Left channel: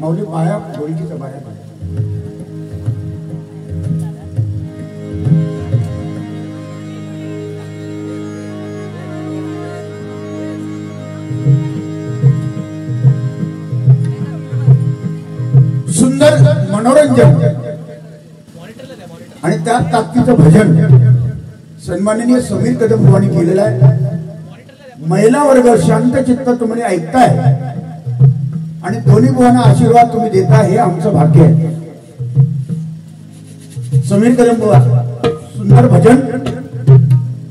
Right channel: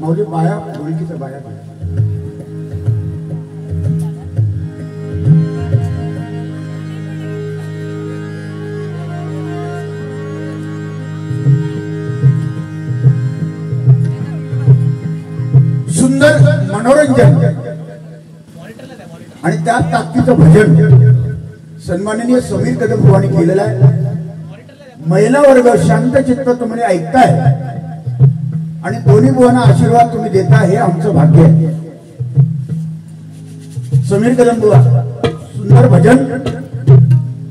माऊली बाया ढोलकीचा बाया सुंदर मनोरंजन आणि त्या ताकदीचं भजन सन्माननीय समीर कदम बुवांनी केलेलं आहे. महिला वर्ग शांत चित्त तुम्ही ऐकताय आणि दोन्ही बुवांना आशीर्वाद तुम्ही देता हे आमचं भाग्य आहे. समीर कदम बुवा सुंदर भजन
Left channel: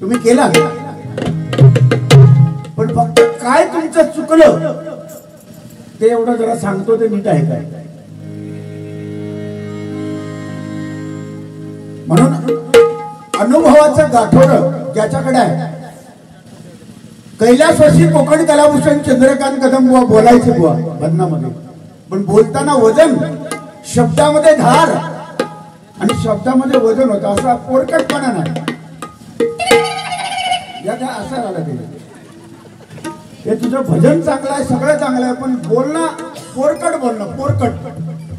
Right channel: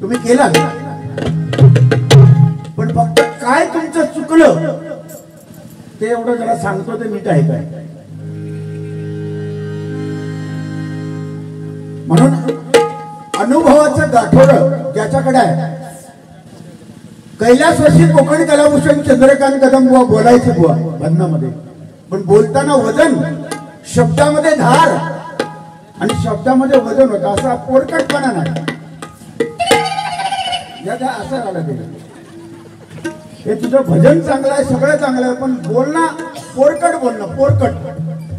तुम्ही केला पण फक्त काय तुमचं चुकलं ते एवढं जरा सांगतो ते नीट आहे काय. म्हणून अनुभवाचं गाठोडं ज्याच्याकडे आहे कैलासवासी कोकण कलाभूषण चंद्रकांत कदम बुवा बोलायचे बुवा भजनामध्ये पण बोलताना वजन शब्दामध्ये धार आणि शब्दामध्ये वजन होतं असा पोरकटपणा नाही. याचा असं झालं ते हे तुझं भजन चांगलं आहे सगळं चांगलं आहे पण बोलणं पोरकट बोलणं पोरकट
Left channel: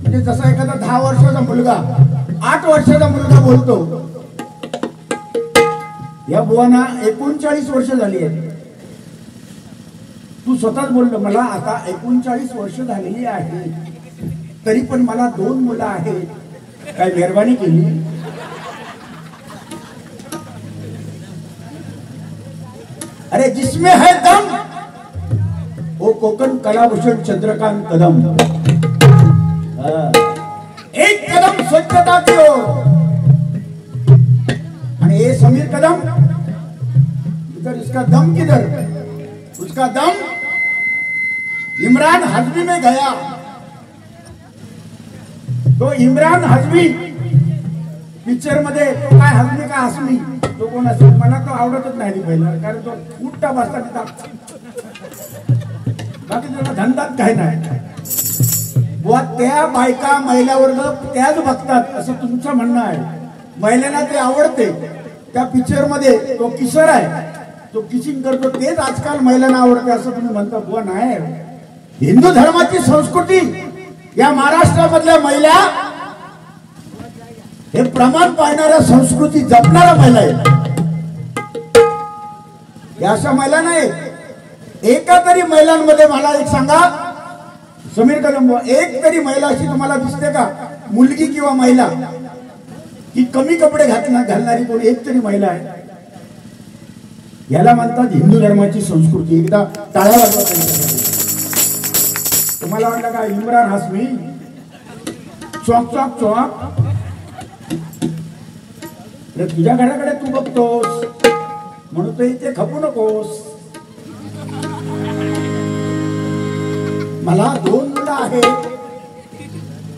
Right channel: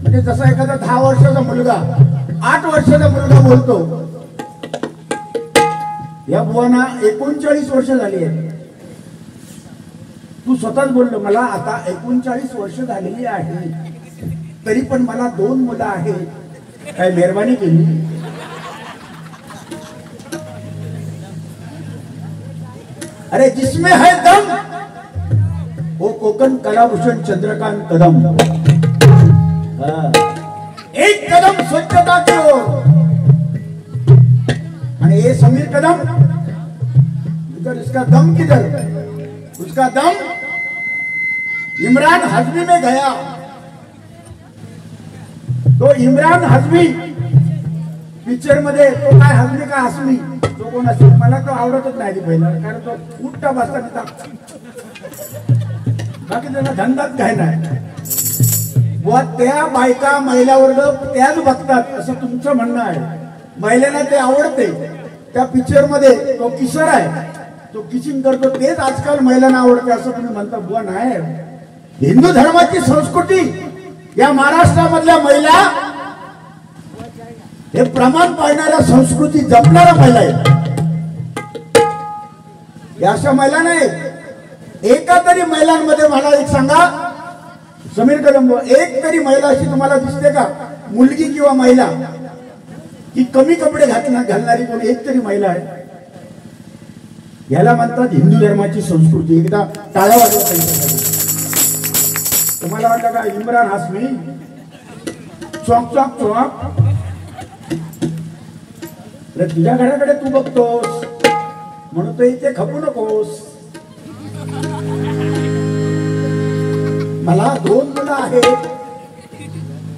म्हणजे जसा एखादा 10 वर्षाचा मुलगा 8 वर्षाचा मुलगा बोलतो. या बुवांना 39 वर्ष झाली आहे. तू स्वतःच बोललो मला आता 39 वर्ष झालेली आहे तरी पण मला 2 मुलं आहेत. काय मेहरबानी केली. अरे जिसमें है दम वो कोकण कलाभूषण चंद्रकांत कदम. एक कदम स्वच्छता की ओर आणि ये समीर कदम इधर इसका दम किधर उसका दम इमरान हाशमी में गया. तो इमरान हाशमी पिक्चर मध्ये तो काय हाशमी का हाशमी तो कोण असेल मला तो आवडतच नाही पहिला कारण तो उठता बसता बाकी त्याला धंदाच काय नाही. बुवा त्या बायका महिला वर्ग त्याच बघतात असं तुमचं म्हणणं आहे. महिलांना ते आवडते. त्या पिक्चर मध्ये तो किशोर आहे तो किचिंग करतो तेच आजकाल महिलांना आवडते असं तुम्ही म्हणता. बुवा नाही हिंदू धर्माची संस्कृती या महाराष्ट्रामधल्या महिला हे प्रमाण पाळणाऱ्या संस्कृती जपणाऱ्या महिला आहेत. या अशा महिला नाही. एका तरी महिलांमध्ये मला एक सांगा समीर कदम एक तरी महिला अशी तुम्हाला दिसते का मुलगी किंवा महिला की कमी कपडे घालणारी कोणी एक तरी महिला आहे. याला म्हणतात हिंदू धर्माची संस्कृती. एकदा टाळ्या वाजवा त्यांच्यासाठी. तुम्हाला वाटलं का Imran Hashmi chalk chalk chalk तुझ्या घराकडे तू बघतोस म्हणून तो इथे खपू नकोस. मला 2 मुलं आहेत.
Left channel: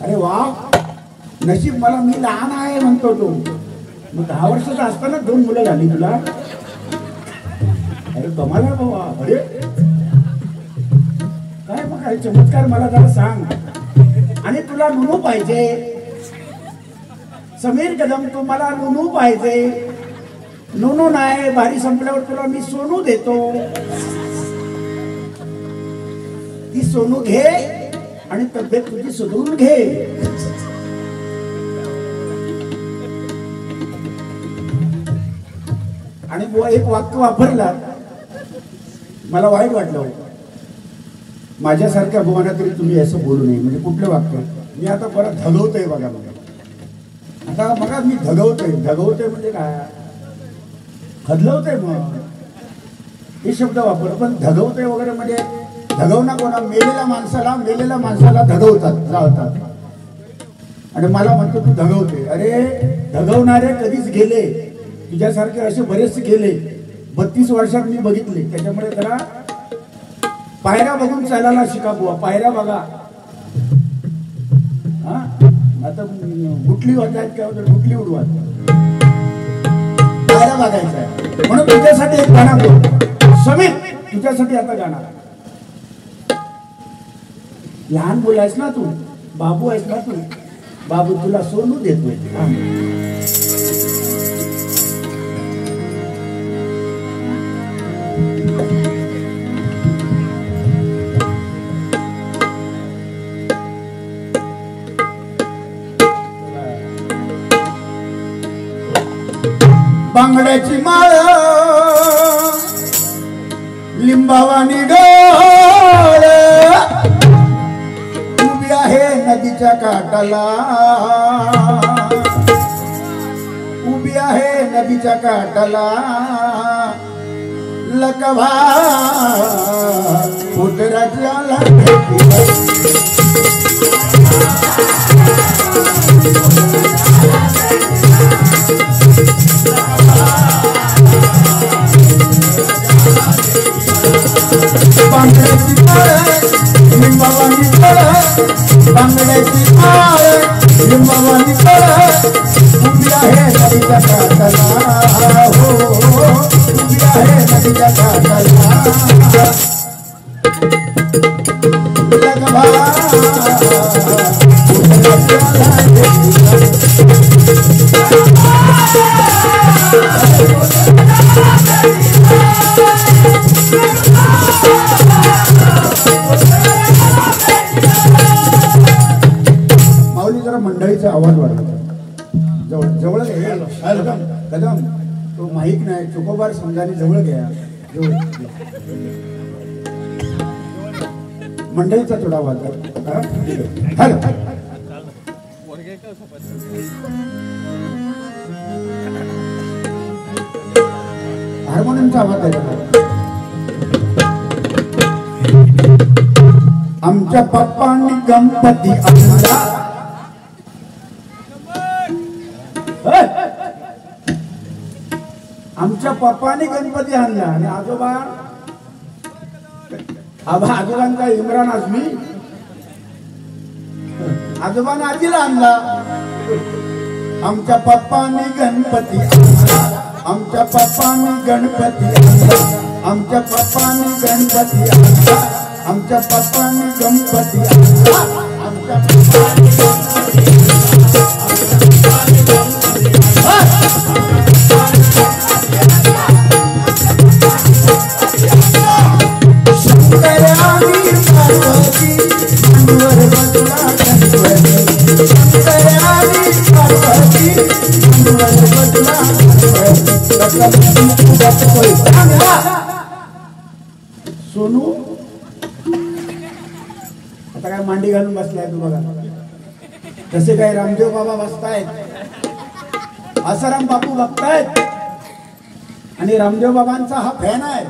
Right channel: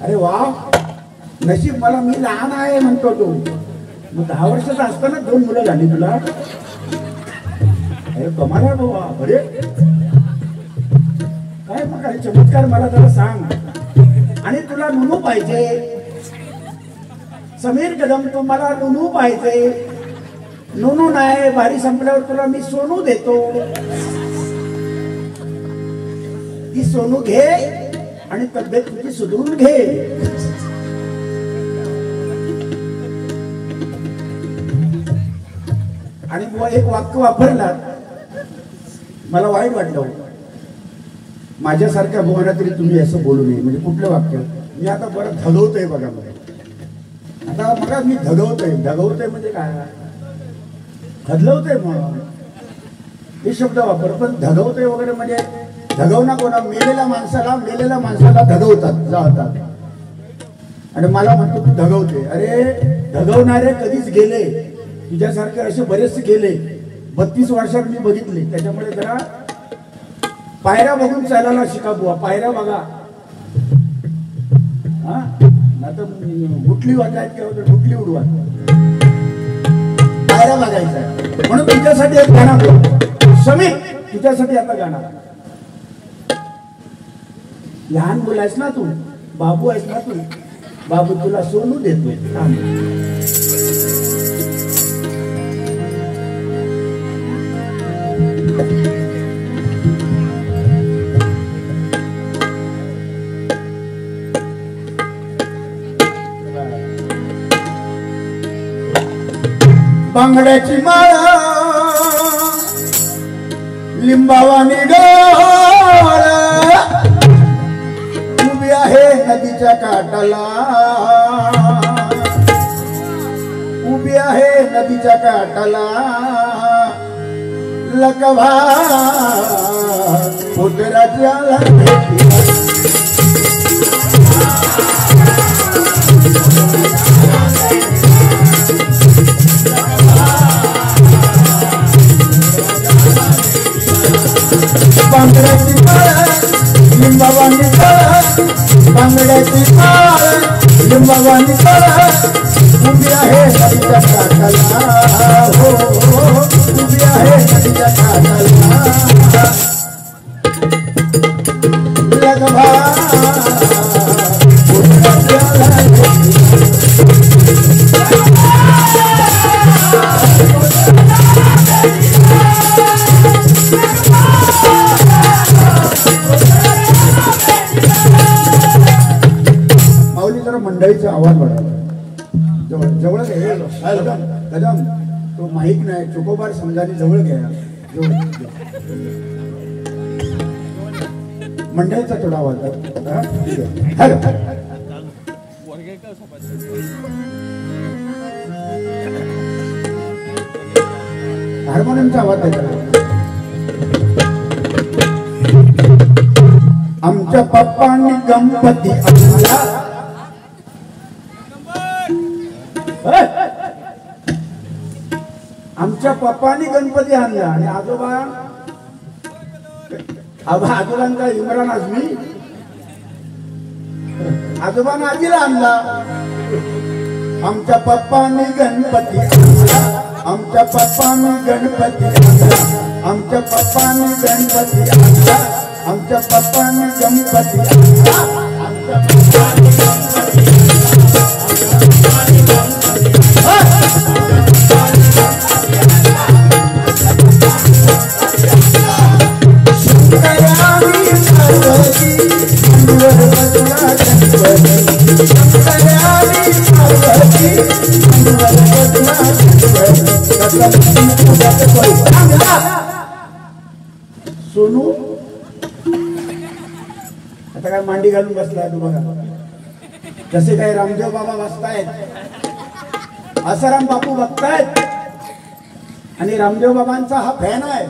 अरे वा नशीब मला मी लहान आहे म्हणतो तो. मग 10 वर्षाचा असताना 2 मुलं झाली तुला. अरे कमाल आहे बाबा. अरे काय मग काय चमत्कार मला जरा सांग. आणि तुला नुनू पाहिजे समीर कदम तू मला नुनू पाहिजे. नुनू नाही बारी संपल्यावर तुला मी सोनू देतो. ती सोनू घे आणि तब्येत तुझी सुधरून घे. आणि बुवा एक वाक्य वापरला मला वाईट वाटलं. माझ्यासारख्या बुवांना तरी तुम्ही असं बोलू नये. म्हणजे कुठलं वाक्य मी आता परत धगवतोय बघा. आता बघा मी धगवतोय म्हणजे काय खदलवतोय मग हे शब्द वापर. पण धगवतोय वगैरे म्हणजे धगवणं कोणा मेलेल्या माणसाला धगवतात जातात. आणि मला म्हणतो तू धगवते. अरे धगवणारे कधीच गेले. तुझ्यासारखे असे बरेचसे गेले. 32 वर्षात मी बघितले. त्याच्यामुळे जरा पायऱ्या बघून चालायला शिका बुवा. पायऱ्या बघा. हा आता गुटली वाटायत किंवा ढुकली उडवा पायऱ्या बघायचा आहे. म्हणून तुझ्यासाठी एक गाणं समीर तुझ्यासाठी आता गाणं. लहान मुलं आहेस ना तू बाबू आहेस ना तू. बाबू तुला सोनू देतोय. बांगड्याची माळ लिंबावानी डोळ उभी आहे नदीच्या काठाला, उभी आहे नदीच्या काठाला, लकवा उतराच्याला बांगड्याची माळ लिंबावानी डोळ, बांगड्याची माळ लिंबावानी डोळ उभी आहे नदीच्या काठाला, हो उभी आहे नदीच्या काठाला, लगभा माऊली जरा मंडळीचा आवाज वाढवला, जवळ कदम तो माईक नाही चुकोबार समजाने जवळ घ्या, मंडळीचा थोडा आवाज हार्मोनियमचा आवाज द्यायचा. आमच्या पप्पांनी गणपती आणला, आमच्या पप्पांनी गणपती आणला आणि आजोबांचा इम्रान आझमी आजोबांना आजीला आणला. आमच्या पप्पांनी गणपती आणला, आमच्या पप्पांनी गणपती आणला, आमच्या पप्पांनी गणपती आणला, आमच्या पप्पांनी गणपती आणला, आमच्या पप्पांनी गणपती सोनू आता काय मांडी घालून बसलाय तू बघा, जसे काही रामदेव बाबा बसतायत, आसाराम बापू बघतायत आणि रामदेव बाबांचा हा फॅन आहे.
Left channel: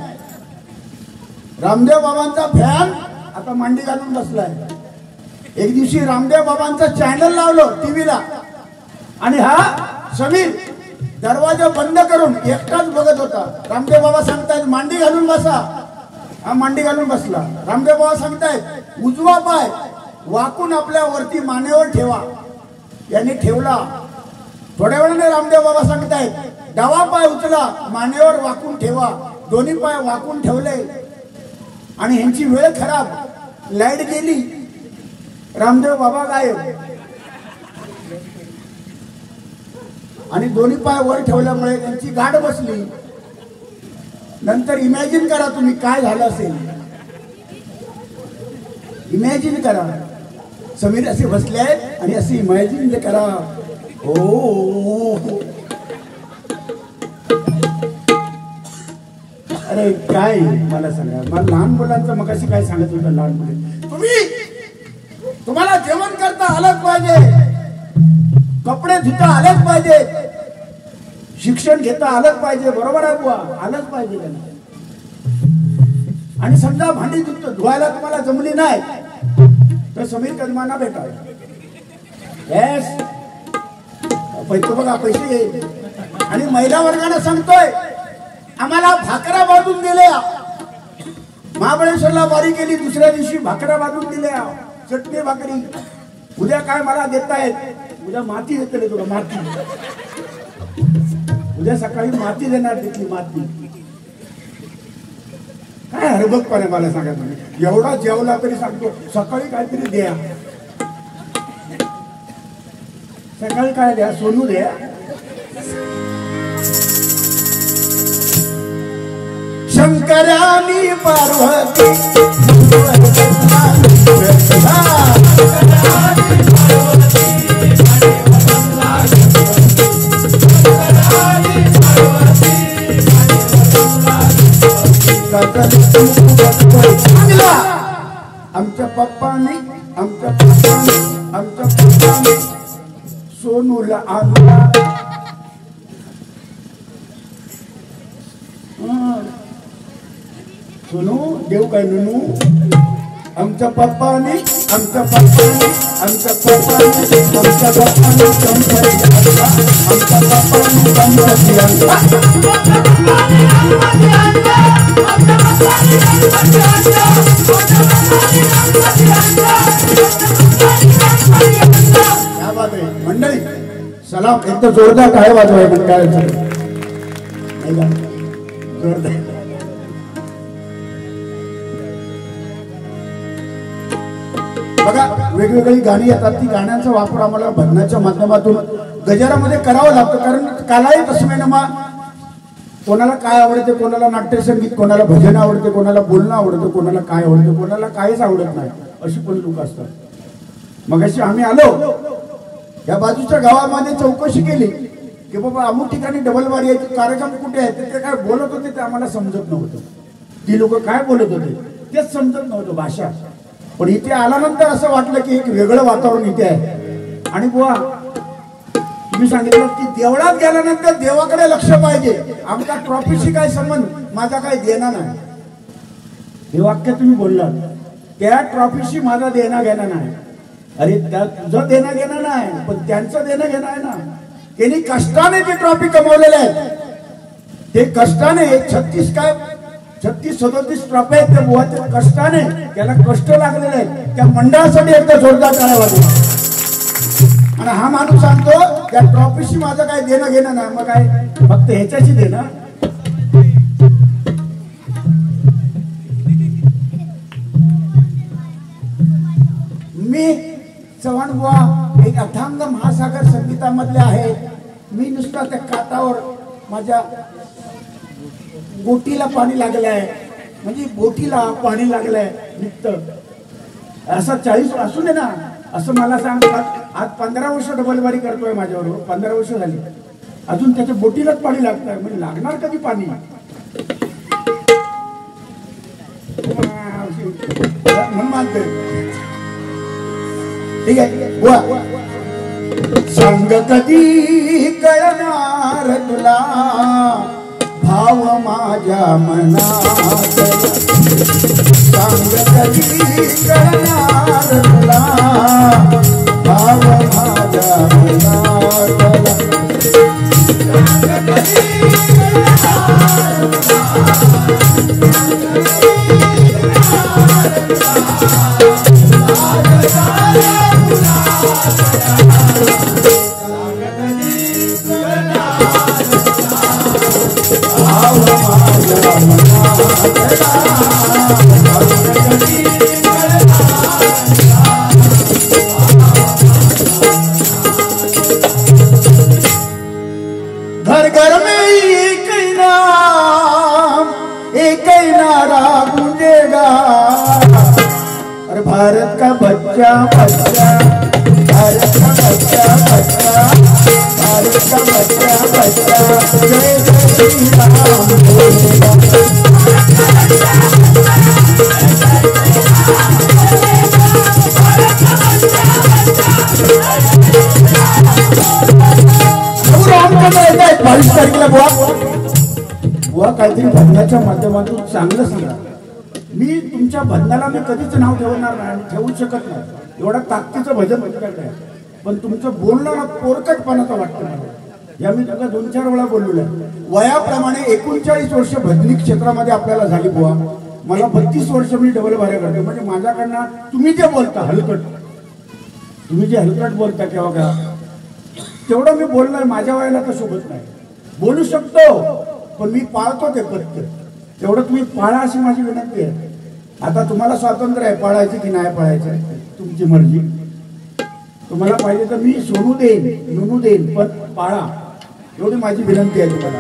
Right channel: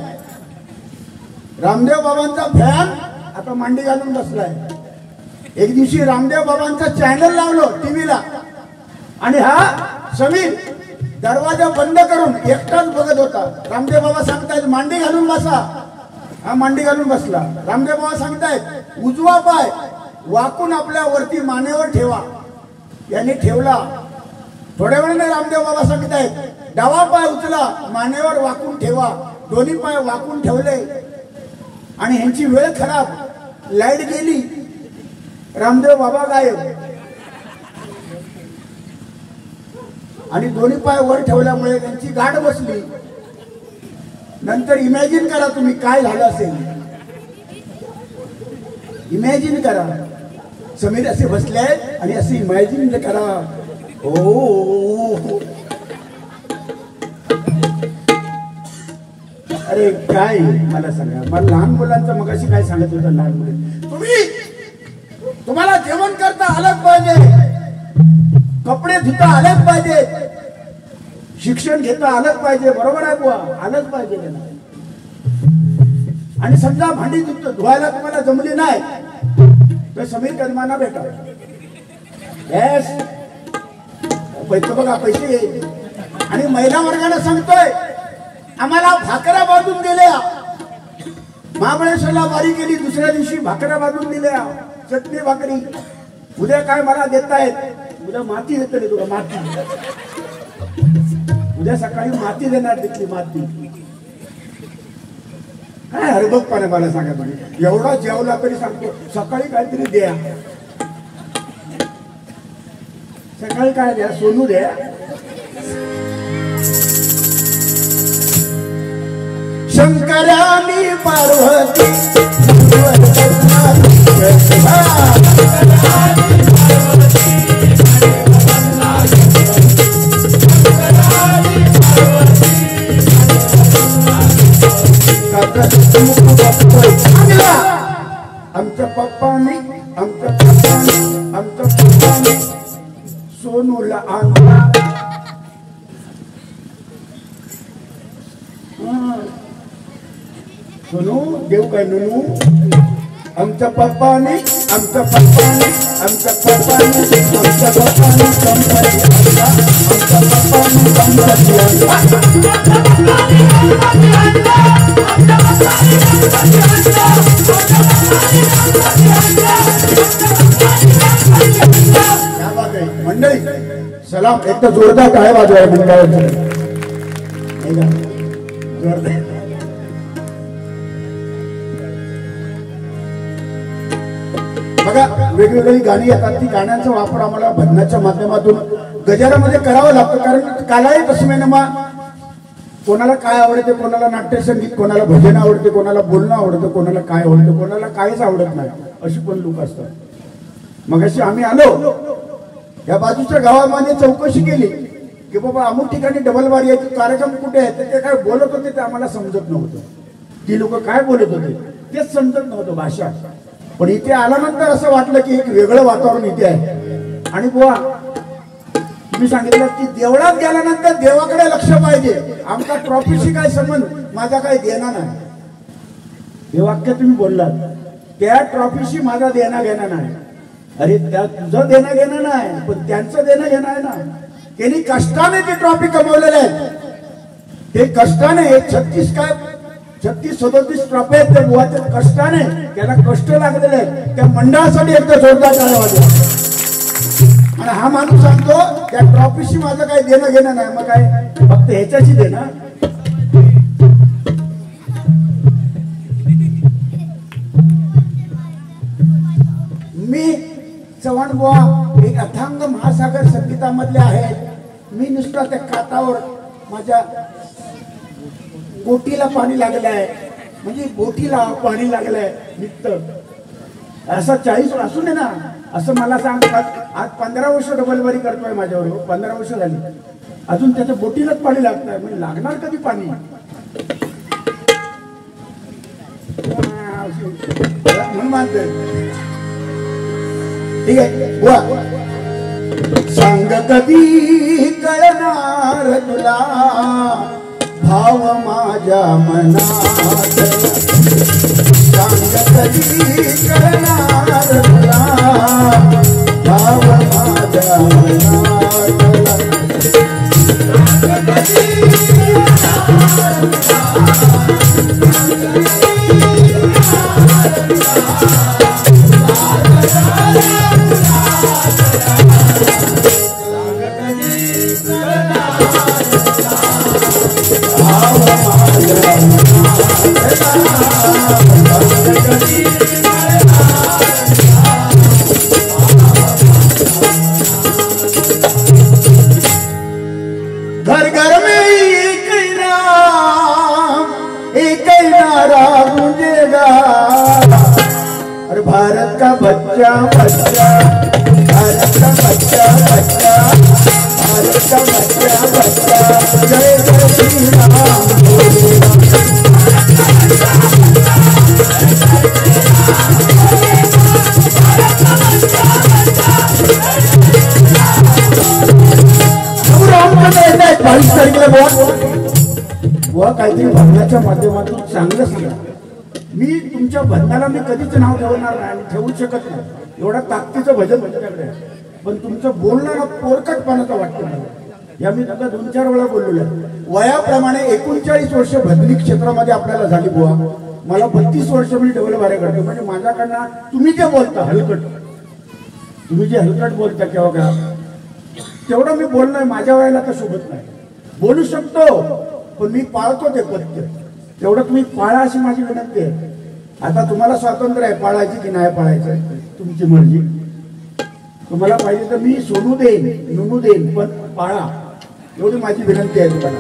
रामदेव बाबांचा फॅन आता मांडी घालून बसलाय. एक दिवशी रामदेव बाबांचा चॅनल लावलं टीव्हीला आणि हा समीर दरवाजा बंद करून एकटाच बघत होता. रामदेव बाबा सांगतायत मांडी घालून बसा, हा मांडी घालून बसला. रामदेव बाबा सांगतायत उजवा पाय वाकून आपल्या वरती मानेवर ठेवा, यांनी ठेवला. थोड्या वेळाने रामदेव बाबा सांगतायत डावा पाय उचला मानेवर वाकून ठेवा, दोन्ही पाय वाकून ठेवले आणि ह्यांची वेळ खराब, लाईट गेली, रामदेव बाबा गायब आणि दोन्ही पाय वर ठेवल्यामुळे त्यांची गाठ बसली. नंतर इमॅजिन करा तुम्ही काय झालं असेल, इमॅजिन करा. समीर असे बसले आहेत आणि असे इमॅजिन करा. हो अरे काय मला सांगा, मला लहान मुलांचं मग अशी काय सांगत होतं. लहान मुले तुम्हाला जेवण करता आलंच पाहिजे, कपडे धुता आलेच पाहिजे, शिक्षण घेता आलंच पाहिजे, बरोबर आहे बुवा, आलंच पाहिजे त्यांना. आणि समजा भांडी धुवायला तुम्हाला जमली नाही तर समीर कदमांना भेटा, पैसे बघा पैसे. आणि महिला वर्गाला सांगतोय आम्हाला भाकऱ्या बांधून दिल्या, महाबळेश्वरला वारी केली, दुसऱ्या दिवशी भाकऱ्या बांधून दिल्या, चटणी भाकरी. उद्या काय मला देतायत, उद्या माती देते तुला, माती उद्या सकाळी माती देणार, तिथली माती. काय हरबगपणा मला सांगा तुम्ही, एवढा जेवला तरी सांगतो सकाळी काहीतरी द्या, सकाळी काय द्या, सोनू द्या. शंकरानी पार्वती पार्वती सोनू देव काय ननू आमच्या पप्पाने आमच्या पप्पाने आमच्या पप्पाने आमच्या पप्पाने गणपती आणला आमच्या पप्पाने गणपती आणला क्या बात आहे मंडळी सलाम एकदम जोरदार टाळ्या वाजवाय मंडळाचं जोरदार बघा वेगवेगळी गाणी येतात ती गाण्यांचा वापर आम्हाला भजनाच्या माध्यमातून गजरामध्ये करावा लागतो कारण कालाही तस्मेनमा कोणाला काय आवडते कोणाला नाट्यसंगीत कोणाला भजन आवडते कोणाला बोलणं आवडतं कोणाला काय आवडतं कोणाला काहीच आवडत नाही अशी पण लोक असतात मग अशी आम्ही आलो या बाजूच्या गावामध्ये चौकशी केली की बाबा अमुक ठिकाणी डबल बार याचे कार्यक्रम कुठे आहेत ते काय बोलत होते ते आम्हाला समजत नव्हतं ती लोक काय बोलत होते तेच समजत नव्हतं भाषा पण इथे आल्यानंतर असं वाटलं की एक वेगळं वातावरण इथे आहे आणि बुवा तुम्ही सांगितलं की देवळात गेल्यानंतर देवाकडे लक्ष पाहिजे आमचा ट्रॉफीशी काय संबंध माझा काय देणं नाही हे वाक्य तुम्ही बोललात त्या ट्रॉफीशी माझा देणं घेणं नाही अरे त्या तुझं देणं घेणं नाही पण त्यांचं देणं घेणं आहे ना त्यांनी कष्टाने ती ट्रॉफी कमवलेल्या आहेत ते कष्टाने 36 ट्रॉफी आहेत ते बुवाच्या कष्टाने त्याला कष्ट लागलेले आहेत त्या मंडळासाठी एकदा जोरदार टाळ्या वाजवा आणि हा माणूस सांगतो त्या ट्रॉफीशी माझं काही देणं घेणं नाही मग काय फक्त ह्याच्याशी देणं मी चव्हाण बुवा एक अथांग महासागर संगीतामधले आहेत मी नुसता त्या काठावर माझ्या बोटीला पाणी लागलं आहे म्हणजे बोटीला पाणी लागलंय निघतं असं 40 असू दे ना असं मला सांगतात आज 15 वर्ष डबलबारी करतोय माझ्याबरोबर 15 वर्ष झाली अजून त्याच्या बोटीलाच पाणी लागतंय म्हणजे लागणार कधी पाणी म्हणून मानतोय ठीक आहे सांग कधी कळणार तुला भाव माझ्या मनात सांग कधी कळणार तुला भाव माझ्या मनात सांग कधी कळणार घर घर में एक नाम एक नारा गूंजेगा और भारत का बच्चा बच्चा भारत का बच्चा बच्चा भारत का बच्चा बच्चा जय जय श्री राम बोलेगा बावीस तारखेला बुवा काहीतरी भजनाच्या माध्यमातून चांगलं सांगा मी तुमच्या भजनाला मी कधीच नाव ठेवणार नाही आणि ठेवू शकत नाही एवढा ताकदीचं भजन आहे पण तुमचं बोलणं पोरकटपणाचं वाटतं मला या मी तुला 2-4 वेळा बोललेलो आहे वयाप्रमाणे 39 वर्ष भजनी क्षेत्रामध्ये आपल्याला झाली बुवा मला 32 वर्ष मी डबल बारे करतो म्हणजे माझ्याकडनं तुम्ही जे बोलता हलकट तुम्ही जे हलकट बोलता किंवा का तेवढं मी बोलणं माझ्या वयाला तर सोबत नाही बोलू शकतो पण मी पाळतो ते पत्य तेवढं तुम्ही पाळा अशी माझी विनंती आहे आता तुम्हाला स्वातंत्र्य आहे पाळायची की नाही पाळायचं तुमची मर्जी तुम्हाला पाहिजे तर मी सोनू देईन नुनू देईन पण पाळा एवढी माझी विनंती आहे तुम्हाला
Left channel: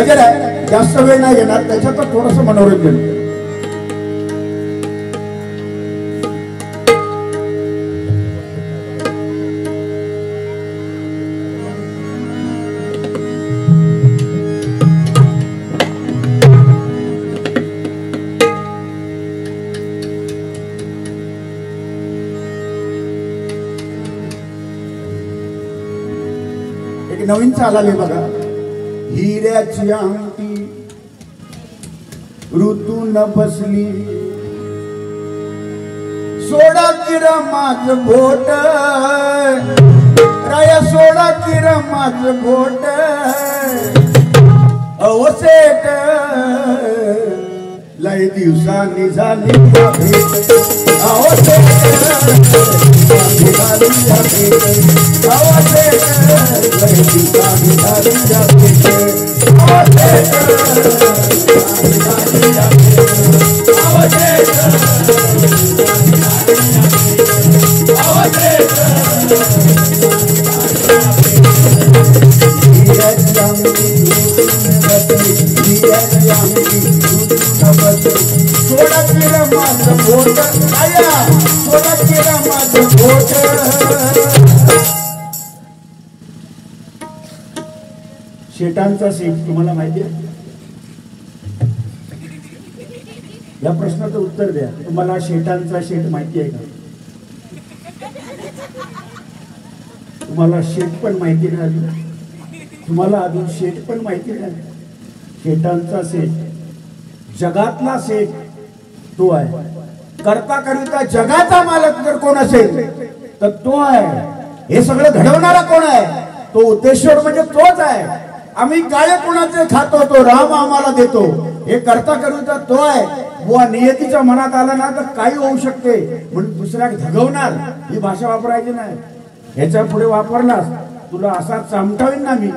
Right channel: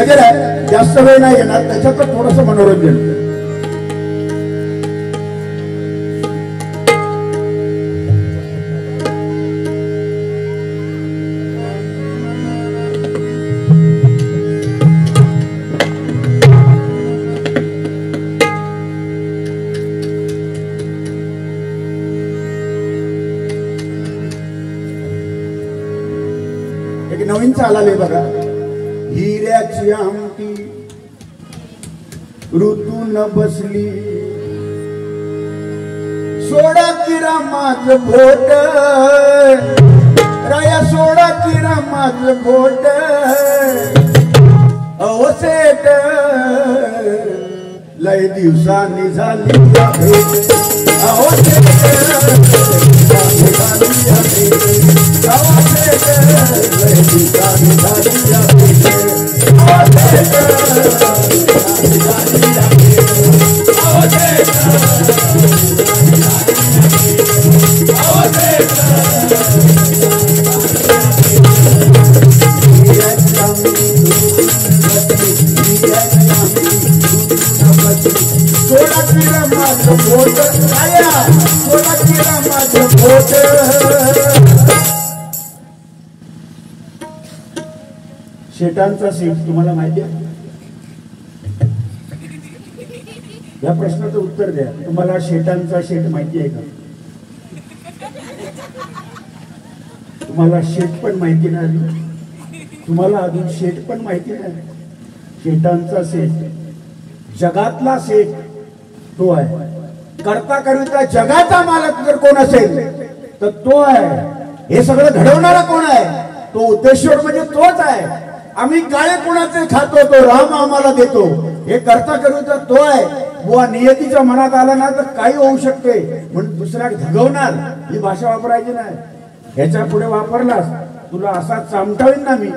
गजर आहे जास्त वेळ नाही येणार त्याच्यात थोडंसं मनोरंजन नवीन चालले बघा हिऱ्याची अंगठी ऋतून बसली सोडा किरा माझ बोट राया सोडा किरा माझ बोट अहो सेठ लय दिवसांनी झाली भेट अहो सेठ झाली भेट अहो सेठ लय दिवसांनी झाली भेट अहो सेठ झाली भेट अहो सेठ शेटांचा शेठ तुम्हाला माहिती आहे? या प्रश्नाचं उत्तर द्या. तुम्हाला शेटांचा शेठ माहिती आहे का? तुम्हाला शेठ पण माहिती नाही, तुम्हाला अजून शेठ पण माहिती नाही. शेटांचा शेठ जगातला शेठ तो आहे. करता करिता जगाचा मालक जर कोण असेल तर तो आहे. हे सगळं घडवणारा कोण आहे? तो उद्देश्वर म्हणजे तोच आहे. आम्ही काय कोणाचे खातो तो राम आम्हाला देतो. हे करता करिता तो आहे. बुवा नियतीच्या मनात आलं ना तर काही होऊ शकते म्हणून दुसऱ्या धगवणार ही भाषा वापरायची नाही. ह्याच्या पुढे वापरलास तुला असा चामटावीन ना मी,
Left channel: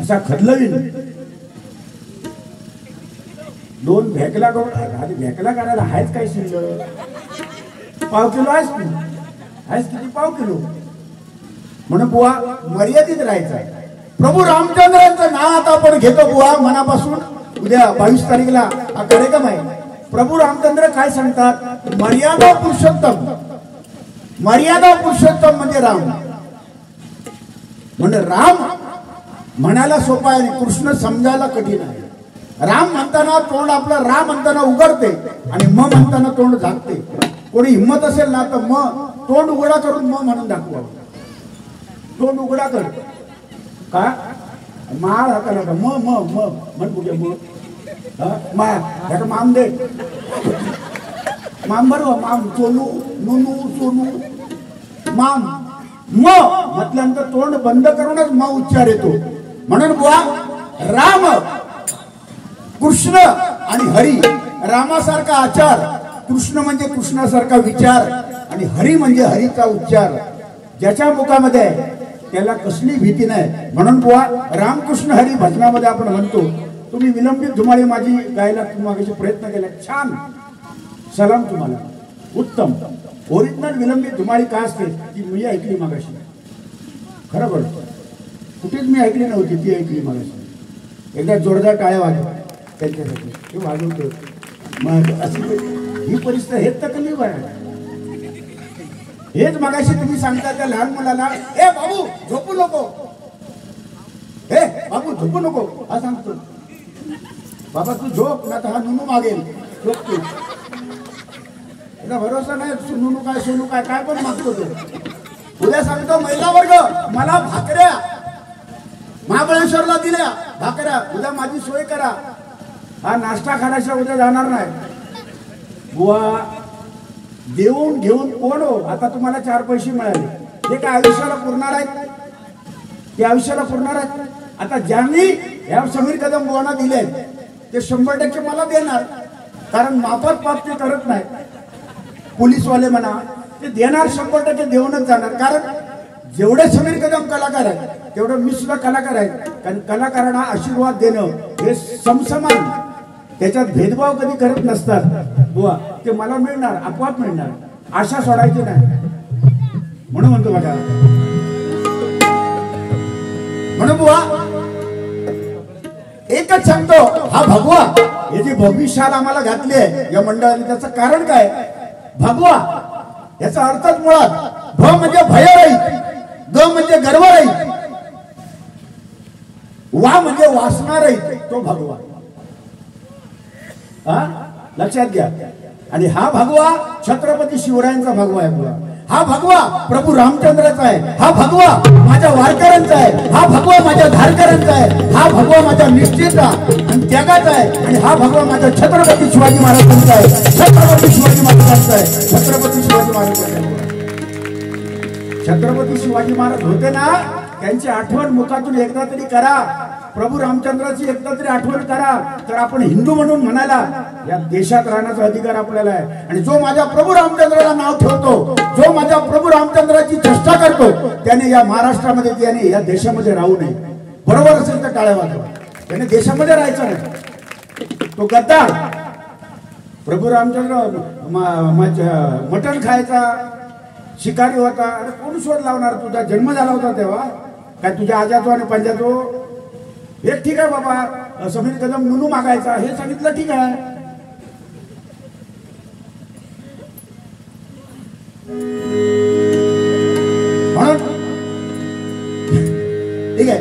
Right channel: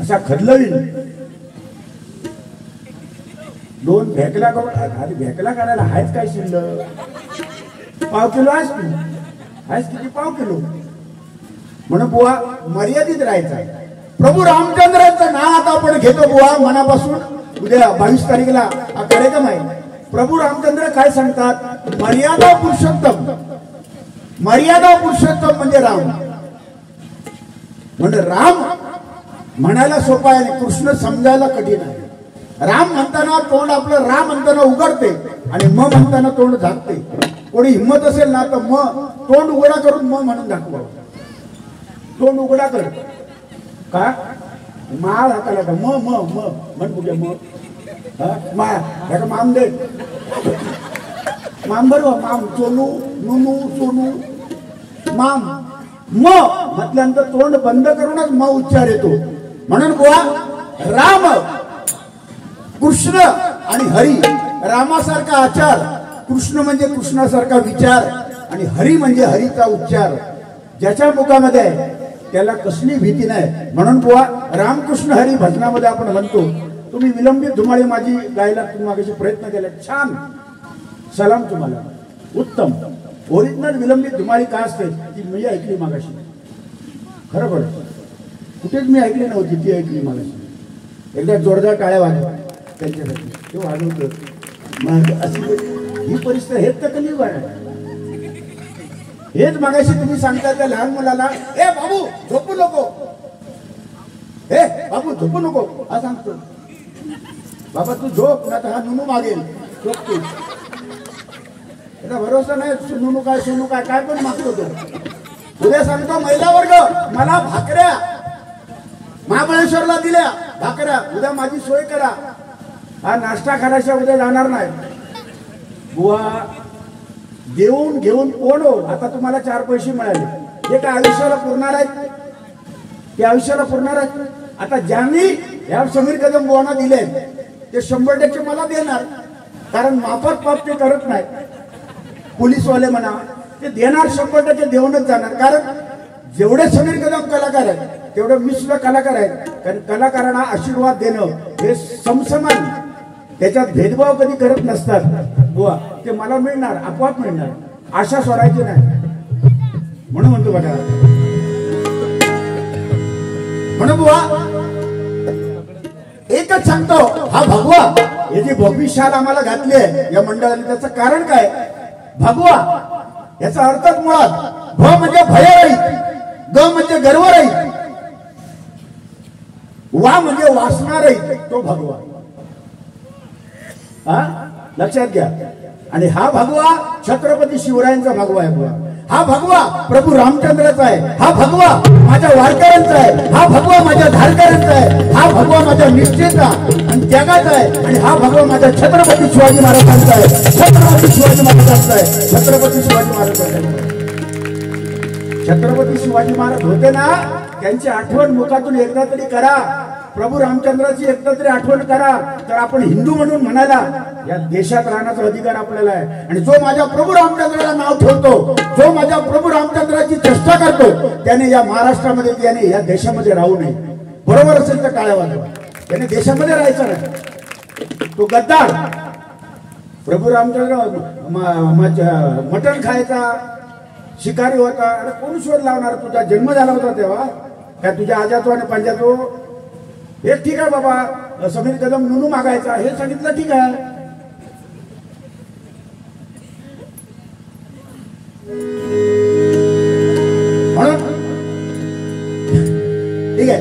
असा खदलवीन. दोन भेकला करून आधी भेकला करायला आहेच काय शिल्लक? पाव किलो आहेस तू, आहेस किती? पाव किलो. म्हणून बुवा मर्यादित राहायचं. प्रभू रामचंद्रांचं नाव आता आपण घेतो बुवा मनापासून. उद्या 22 तारखेला हा कार्यक्रम आहे. प्रभू रामचंद्र काय सांगतात? मर्यादा पुरुषोत्तम. मर्यादा पुरुषोत्तम म्हणजे राम. म्हणजे राम म्हणायला सोपा आहे, कृष्ण समजायला कठीण आहे. राम म्हणताना तोंड आपलं राम म्हणताना उघडते आणि म म्हणताना तोंड झाकते. कोणी हिंमत असेल ना तर म तोंड उघडा करून म म्हणून दाखवा. तोंड उघडा कर का माळ हाताला का म म म म्हण बघूया. मग माया माम दे माम बरोबर. माम सोनू नुनू सोनू माम म म्हटल्यानंतर तोंड बंद करूनच म उच्चार येतो. म्हणून बुवा राम कृष्ण आणि हरी रामासारखा आचार, कृष्ण म्हणजे कृष्णासारखा विचार आणि हरी म्हणजे हरीचा उच्चार. ज्याच्या मुखामध्ये आहे त्याला कसली भीती नाही. म्हणून बुवा रामकृष्ण हरी भजनामध्ये आपण म्हणतो. तुम्ही विलंबित धुमाळे माझी गायला तुम्ही मागाशी प्रयत्न केला, छान. सलाम तुम्हाला, उत्तम. ओरिजिनल विलंबित धुमाळी काय असते ती मी ऐकली मागाशी. खरं बरं कुठेच मी ऐकली नव्हती, ती ऐकली मागाशी. एकदा जोरदार टाळ्या वाजवा त्यांच्यासाठी, ते वाजवतो. मग अशी ही परिस्थिती हेच तकलीफ आहे. हेच मगाशी तुम्ही सांगता त्या लहान मुलाला, ए बाबू झोपू नको, हे बाबू झोपू नको हा सांगतो. बाबा तू झोप ना तर हा नुनू मागेल. झोप तू. त्याचा भरोसा नाही. नुनू काय सोनू काय काय पण मागतो तो. उद्या सांगतो महिला वर्ग मला भाकऱ्या महाबळेश्वरला दिल्या भाकऱ्या, उद्या माझी सोय करा. हा नाश्ता खाण्याशिवाय उद्या जाणार नाही. बुवा देऊन घेऊन कोण हो. आता तुम्हाला 4 पैसे मिळाले, हे काय आयुष्याला पुरणार आहेत? ते आयुष्याला पुरणार आहेत? आता ज्यांनी ह्या समीर कदम बुवांना दिले ते 100% मला देणार. कारण माफत पाप ते करत नाही. पोलीसवाले म्हणा ते देणार, 100% देऊनच जाणार. कारण जेवढे समीर कदम कलाकार आहेत तेवढे मी सुद्धा कलाकार आहेत. कारण कलाकारांना आशीर्वाद देणं हे समसमान, त्याच्यात भेदभाव कधी करत नसतात. बुवा ते मला मिळणार, आपोआप मिळणार, आशा सोडायची नाही. म्हणून म्हणतो बघा, म्हणून बुवा एकच सांगतो, हा भगवा हे जी भविष्यात आम्हाला घातली आहे या मंडळाने, त्याचं कारण काय? भगवा याचा अर्थच मुळात भ म्हणजे भयरहित, ग म्हणजे गर्वरहित, वा म्हणजे वासनारहित, तो भगवा. लक्षात घ्या. आणि हा भगवा छत्रपती शिवरायांचा भगवा आहे. हा भगवा प्रभू रामचंद्राचा आहे, हा भगवा माझ्या वारकऱ्यांचा आहे, हा भगवा माझ्या धारकऱ्यांचा आहे, हा भगवा माझ्या निष्ठेचा आणि त्यागाचा आहे, आणि हा भगवा माझ्या छत्रपती शिवाजी महाराजांचा आहे, छत्रपती शिवाजी महाराजांचा आहे, छत्रपती शिवाजी महाराजांचा आहे. छत्रपती शिवाजी महाराज होते ना, त्यांची आठवण मुखातून एकदा तरी करा. प्रभू रामचंद्राची एकदा तरी आठवण करा, तर आपण हिंदू म्हणून म्हणायला या देशात राहण्याचा अधिकार आपल्याला आहे. आणि जो माझ्या प्रभू रामचंद्राला नाव ठेवतो, जो माझ्या प्रभू रामचंद्राची चेष्टा करतो, त्याने या महाराष्ट्रामध्ये, त्याने या देशामध्ये राहू नये. बरोबर असेल तर टाळ्या वाजवा. त्याने देशामध्ये राहायचं नाही. तो गद्दार प्रभू रामचंद्र मटण खायचा, शिकारी होता. अरे कोण शोध लावणार? तुझा जन्म झाला होता तेव्हा काय तुझ्या आजातो आणि पंजातो? हे ठीक आहे बाबा, समीर कदम नुनू मागायचा हे सांगितलं, ठीक आहे. म्हणून ठीक आहे,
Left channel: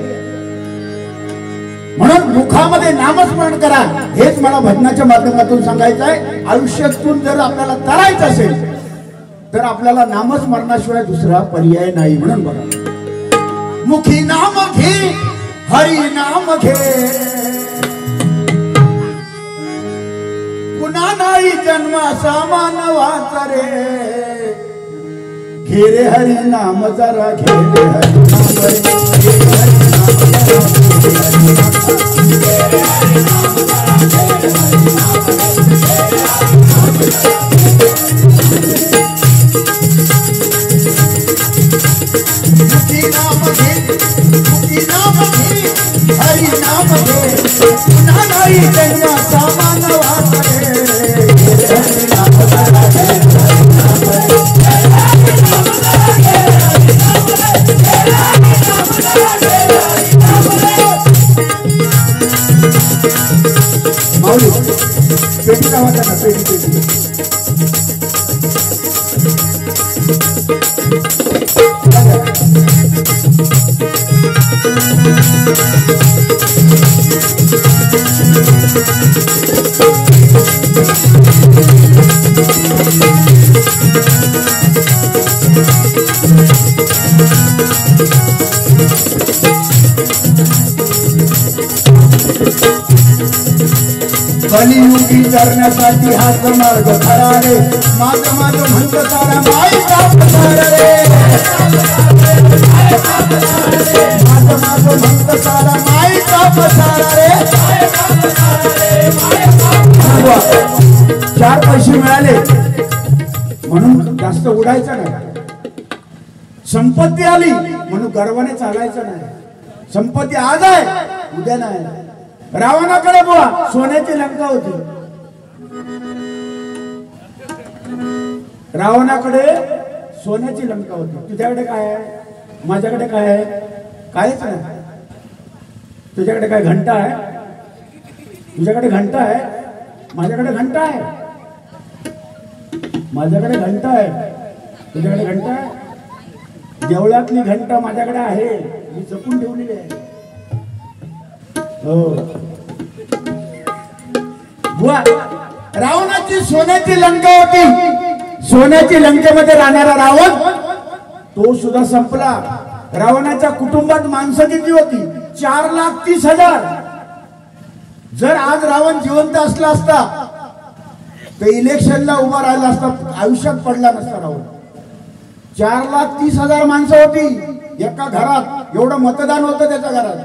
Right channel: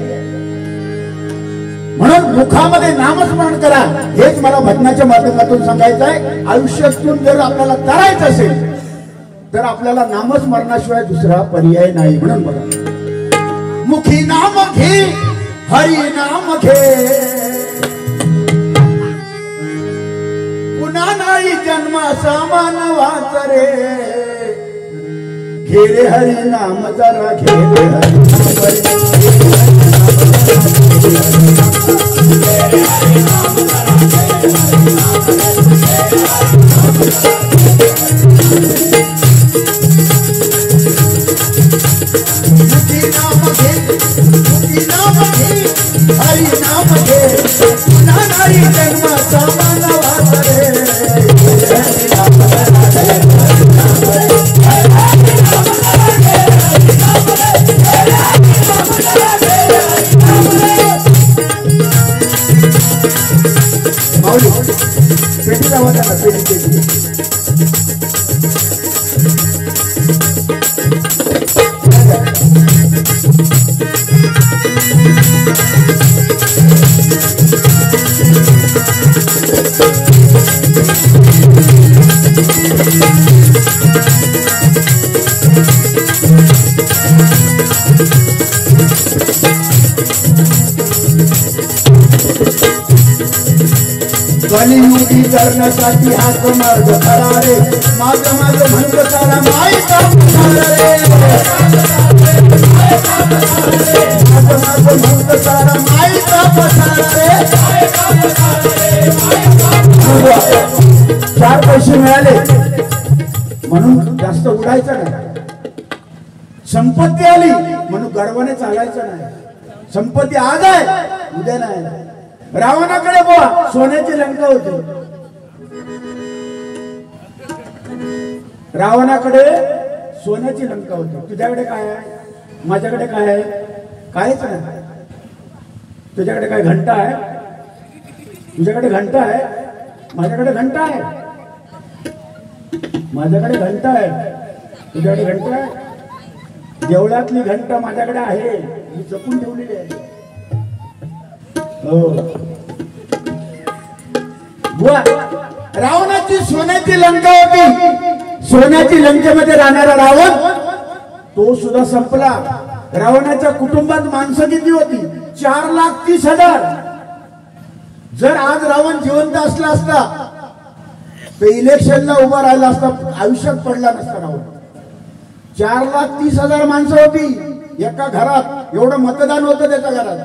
म्हणून मुखामध्ये नामस्मरण करा. हेच मला भजनाच्या माध्यमातून सांगायचं आहे. आयुष्यातून जर आपल्याला करायचं असेल तर आपल्याला नामस्मरणाशिवाय दुसरा पर्याय नाही. म्हणून बघा, मुखी नाम घे, हरी नाम घे, पुन्हा नाही जन्माचा मानवाचा रे. घे रे हरी नाम जरा घे रे हरी कलियुगी करण्यासाठी हाच मार्ग खरा रे. माझं माझं म्हणत सारा माईचा पसार रे. माझं माझं म्हणत सारा माईचा पसार रे. 4 पैसे मिळाले म्हणून जास्त उडायचं नाही. संपत्ती आली म्हणून गर्वाने चालायचं नाही. संपत्ती आज आहे उद्या नाही. रावणाकडे बुवा सोन्याची लंका होती. रावणाकडे सोन्याची लंका होती. तुझ्याकडे काय आहे? माझ्याकडे काय आहे? काहीच नाही. तुझ्याकडे काय घंटा आहे? तुझ्याकडे घंटा आहे, माझ्याकडे घंटा आहे. माझ्याकडे घंटा आहे, तुझ्याकडे घंटा आहे. देवळातली घंटा माझ्याकडे आहे, मी जपून ठेवलेली आहे. रावणाची सोन्याची लंका होती. सोन्याची लंकेमध्ये राहणारा रावण तो सुद्धा संपला. रावणाच्या कुटुंबात माणसं किती होती? 4,30,000. जर आज रावण जिवंत असला असता तर इलेक्शनला उभा राहिला असता, आयुष्यात पडला नसता रावण. 4,30,000 माणसं होती एका घरात. एवढं मतदान होतं त्याच्या घरात.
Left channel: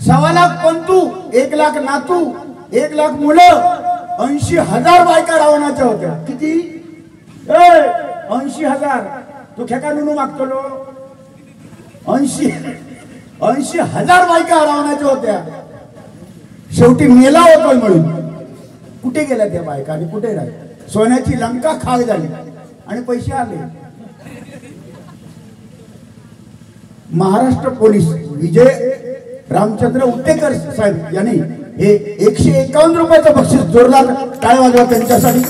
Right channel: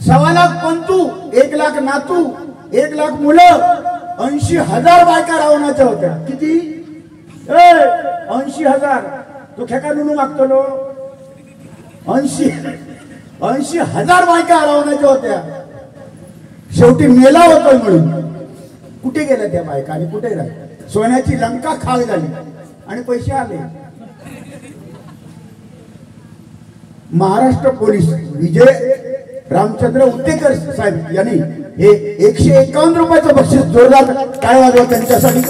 1,00,000 पंतू, 1,00,000 नातू, 1,00,000 मुलं, 80,000 बायका रावणाच्या होत्या. किती? 80,000. तो खेका नुनू मागतो लो. 80,000 बायका रावणाच्या होत्या. शेवटी मेला होतो म्हणून. कुठे गेल्या त्या बायका आणि कुठे राहिल्या? सोन्याची लंका खाळ झाली आणि पैसे आले. महाराष्ट्र पोलीस विजय रामचंद्र उत्तेकर साहेब यांनी हे 151 रुपयाचं बक्षीस जोरदार काय वाजवलं त्यांच्यासाठी.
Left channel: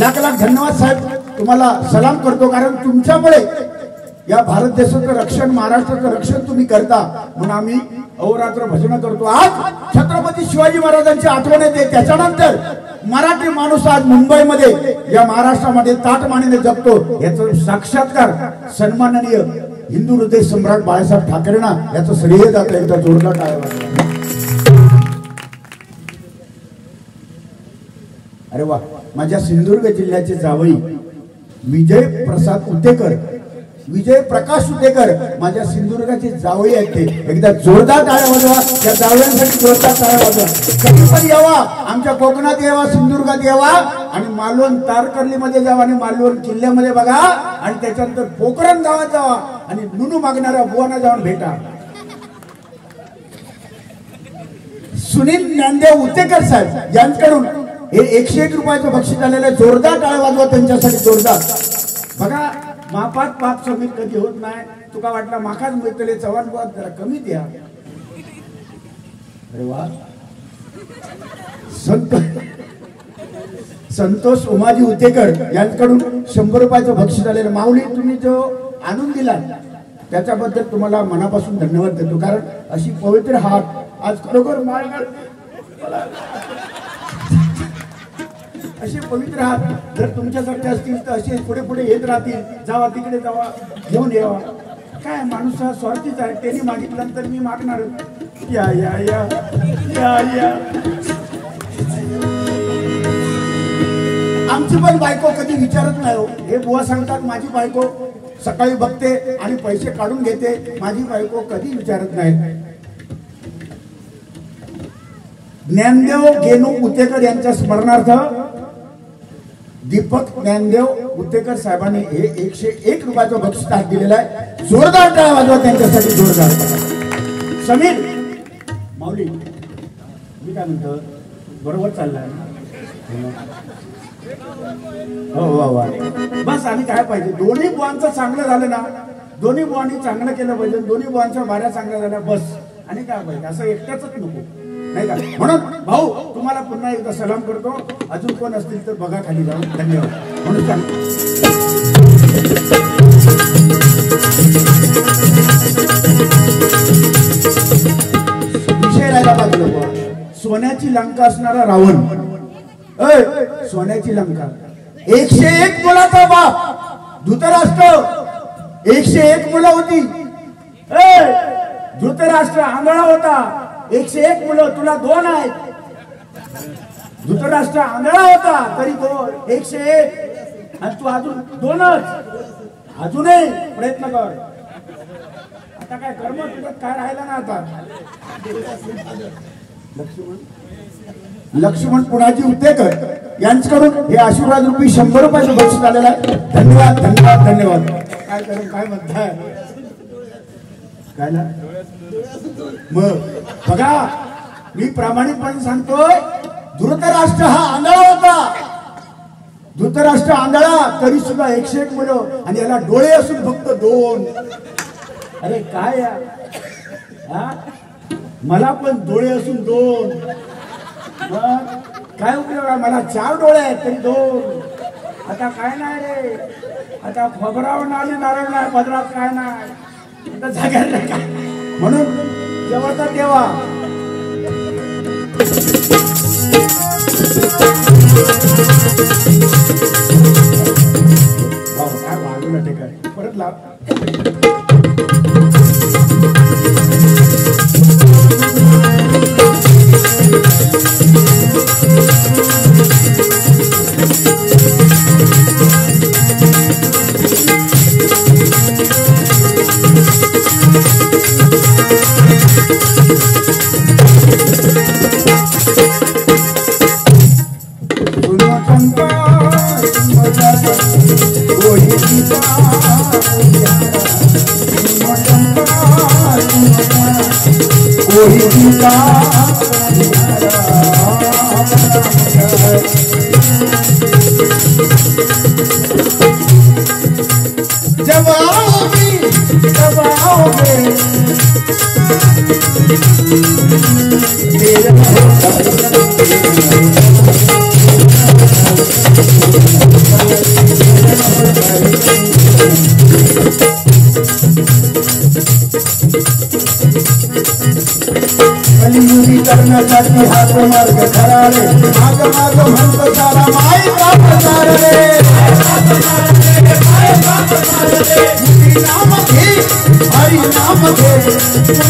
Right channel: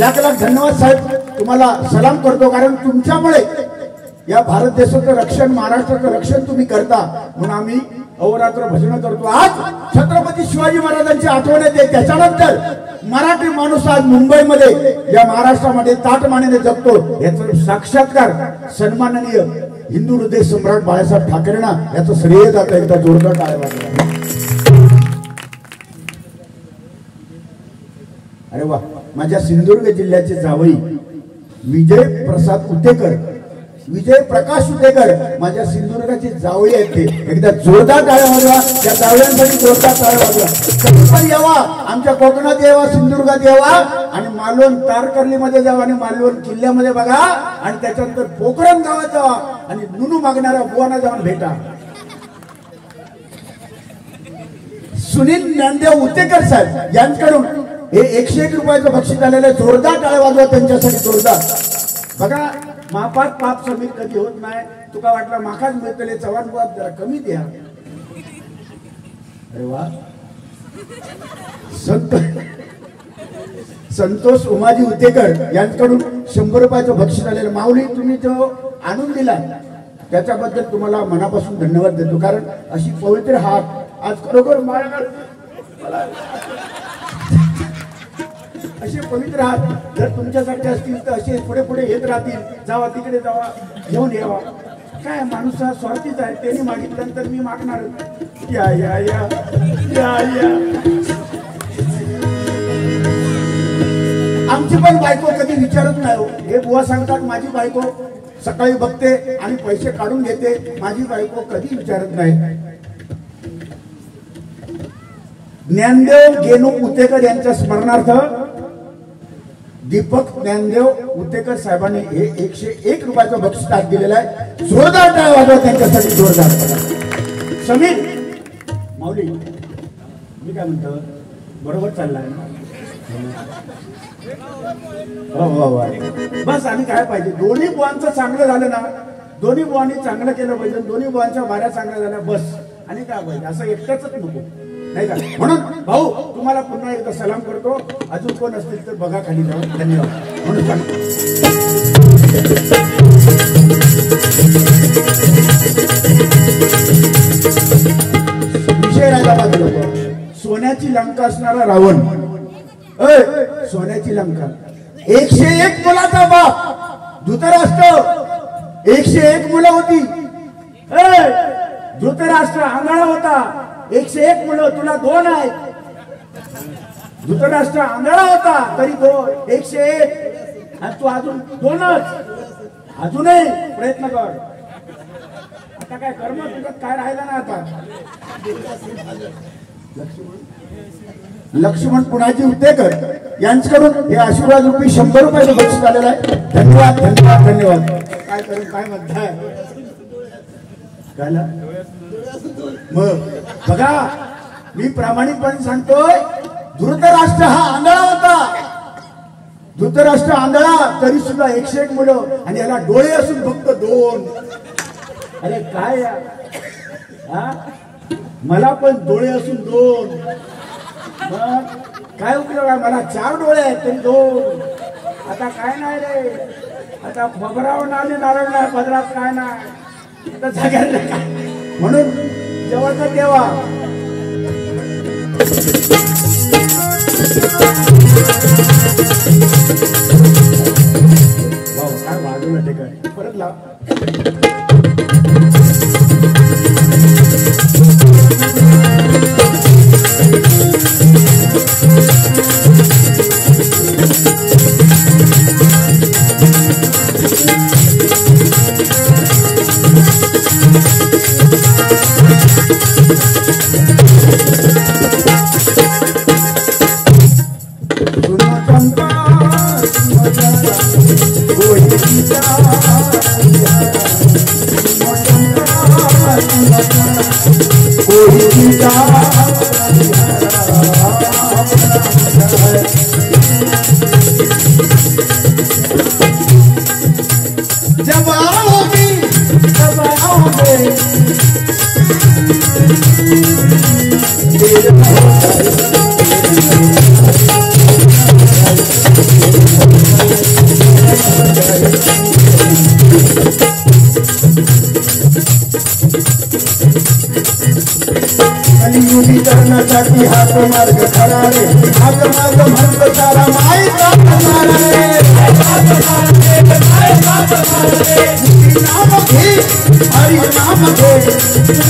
लाख लाख धन्यवाद साहेब. तुम्हाला सलाम करतो, कारण तुमच्यामुळे या भारत देशाचं रक्षण, महाराष्ट्राचं रक्षण तुम्ही करता म्हणून आम्ही अहोरात्र भजन करतो. आज छत्रपती शिवाजी महाराजांची आठवण येते. त्याच्यानंतर मराठी माणूस आज मुंबईमध्ये या महाराष्ट्रामध्ये ताटमानेने जगतो. याचा साक्षात्कार सन्माननीय हिंदू हृदय सम्राट बाळासाहेब ठाकरेंना याचं श्रेय जातं. एकदा जोरदार टाळ्या. अरे वा. माझ्या सिंधुदुर्ग जिल्ह्याचे जावई विजय प्रसाद उतेकर, विजय प्रकाश उतेकर माझ्या सिंधुदुर्गाचे जावई आहेत. ते एकदा जोरदार टाळ्या वाजवा. त्या जावयांसाठी जोरदार टाळ्या वाजवा. कधी यावा, आमच्या कोकणात यावा, सिंधुदुर्गात यावा आणि मालवण तारकर्लीमध्ये जावा आणि मालवण किल्ल्यामध्ये बघा आणि त्याच्यानंतर पोखरण गावात जावा आणि नुनू मागणाऱ्या बुवांना जाऊन भेटा. सुनील ज्ञानदेव उतेकर साहेब यांच्याकडून हे 101 रुपयाचं बक्षीस आलेलं. जोरदार टाळ्या वाजवा त्यांच्यासाठी. जोरदार. बघा मापात पाप समीर कधी होत नाही. तुका वाटला माखाच मिळतले चव्हाण बुवा जरा कमी द्या. अरे वा. संतोष उमाजी उतेकर यांच्याकडून 100 रुपयाचं बक्षीस आलेलं. माऊली तुम्ही जो आणून दिला त्याच्याबद्दल तुम्हाला मनापासून धन्यवाद देतो. कारण अशी पवित्र हात आज खरोखर असे पवित्र हात जर तुमच्यासारखे असतील तर असे पुढे पुढे येत राहतील. जावा तिकडे जावा, घेऊन यावा. काय माणूस हा स्वार्थीच आहे. त्यांनी मागितल्यानंतर मी मागणार. या या या या या. आमची पण बायको कधी विचारत नाही हो. हे बुवा सांगतात माझी बायको सकाळी बघते आणि पैसे काढून घेते. माझी बायको कधी विचारत नाही. ज्ञानदेव गेनू उतेकर यांच्या स्मरणार्थ दीपक ज्ञानदेव उतेकर साहेबांनी हे 101 रुपयाचं बक्षीस आज दिलेलं आहे. जोरदार टाळ्या वाजवा त्यांच्यासाठी. जोरदार. समीर माऊली मी काय म्हणतो बरोबर चाललाय. हो हो. बस आम्ही काय पाहिजे दोन्ही बुवांचं चांगलं झालं ना. दोन्ही बुवांनी चांगलं केलं पाहिजे. दोन्ही बुवांच्या वाऱ्या चांगल्या झाल्या बस. आणि काय पाहिजे असं एकटंच नको नाही का. म्हणून भाऊ तुम्हाला पुन्हा एकदा सलाम करतो. अजून कोण असतील तर बघा खाली जाऊन. धन्यवाद. म्हणून विषय राहिला बाजूला. सोन्याची लंका असणारा रावण. सोन्याची लंका. 101 मुलाचा बाप धृतराष्ट्र. 101 मुलं होती. धृतराष्ट्र आंधळा होता. 101 मुलं, तुला 2 आहेत. धृतराष्ट्र आंधळा होता तरी 101 आणि तू अजून 2च. अजूनही प्रयत्न कर. आता काय कर्म तुझ्यात काय राहिला ना. आता लक्ष्मण पुणाजी उतेकर यांच्याकडून हे आशीर्वाद रूपी 100 रुपयाचं बक्षीस आलेलं आहे. धन्यवाद धन्यवाद धन्यवाद. काय करून काय म्हणताय मग बघा मी प्रामाणिकपणे सांगतोय. धृतराष्ट्र हा आंधळा होता. धृतराष्ट्र आंधळा तरी सुद्धा 101 मुलं आणि याला डोळे असून फक्त 2. अरे काय मला पण डोळे असून 2. काय उपयोग आहे. मला 4 डोळे आहेत तरी 2. आता काय नाही रे. आता खबरावर नाले नारळ नाही पदरात काय नाही. आता जगायला काय. म्हणून जेव्हा तेव्हा काय बाजूला ठिकाण परत लाव. कलियुगी करण्यासाठी हात मार्ग खरारे हात मार्ग म्हणतो सारा मायेचा प्रचार रे नाम घे हरी नाम घे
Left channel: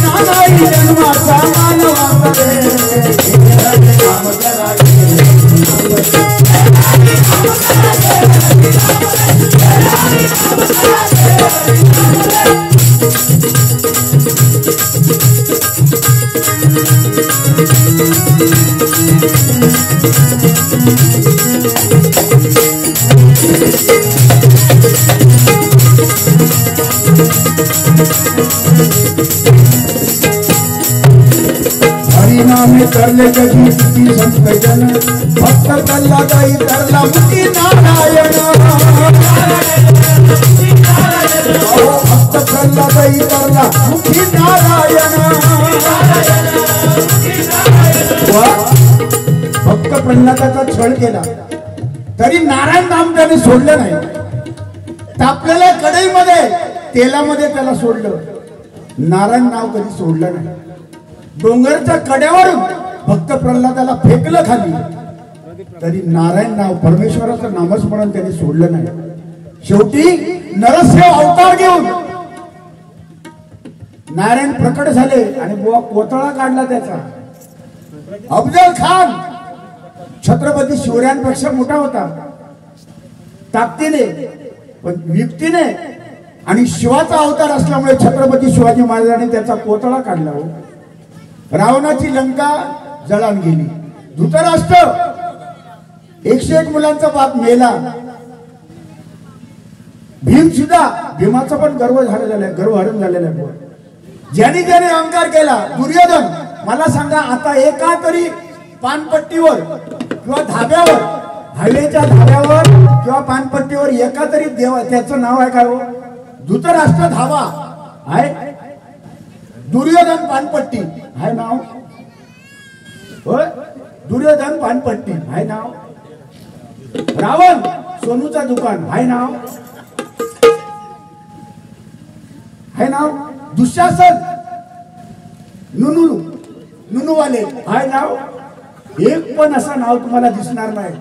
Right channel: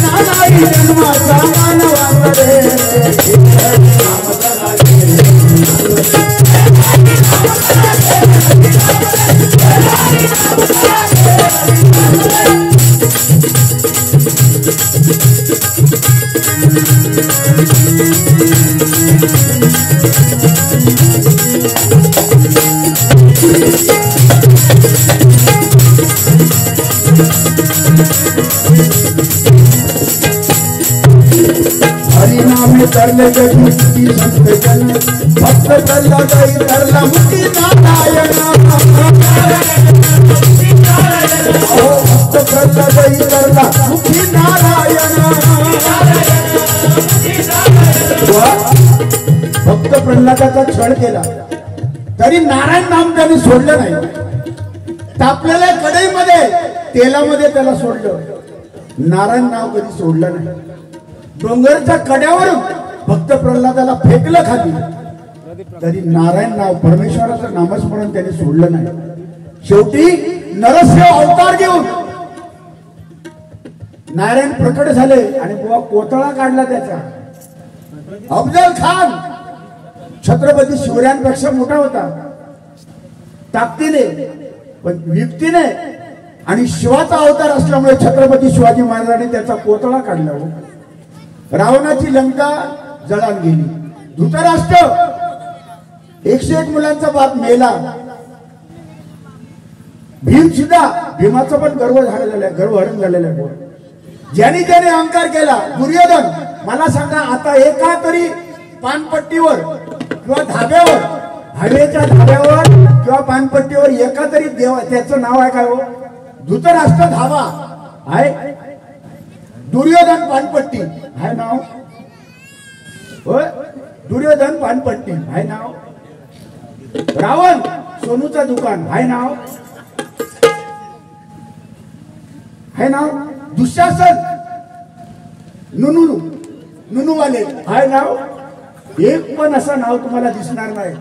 नारायण जन्माचा मानवा रे नाम हरिनामे तरले जगमुक्ती संत जन भक्त चालला जाई तरला मुक्ती नारायण भक्त चालला जाई तरला मुक्ती नारायण भक्त प्रल्हादाचा छळ केला तरी नारायण नाम त्यांनी सोडलं नाही तापलेल्या कढईमध्ये तेलामध्ये त्याला सोडलं नारायण नाव कधी सोडलं नाही डोंगरच्या कड्यावर भक्त प्रल्हादाला फेकलं खाली तरी नारायण नाव परमेश्वराचं नामस्मरण त्याने सोडलं नाही शेवटी नरसिंह अवतार घेऊन नारायण प्रकट झाले आणि बुवा कोतळा काढला त्याचा अफजल खान छत्रपती शिवरायांपेक्षा मोठा होता ताकदीने पण युक्तीने आणि शिवाचा अवतार असल्यामुळे छत्रपती शिवाजी महाराजांनी त्याचा कोतळा काढला रावणाची लंका जळान गेली धृतराष्ट्र 101 मुलांचा बाप मेला भीम सुद्धा भीमाचा पण गर्वहरण झालेला आहे ज्याने ज्याने अहंकार केला दुर्योधन मला सांगा आता एका तरी पानपट्टीवर किंवा धाब्यावर हवेच्या धाब्यावर किंवा पानपट्टीवर एका तरी देवा त्याचं नाव आहे का हो धृतराष्ट्र धावा आहे दुर्योधन पानपट्टी आहे नाव होय दुर्योधन पानपट्टी आहे नाव रावण सोनूचा दुकान आहे नाव आहे नाव दुःशासन नुनूवाले आहे नाव एक पण असं नाव तुम्हाला दिसणार नाही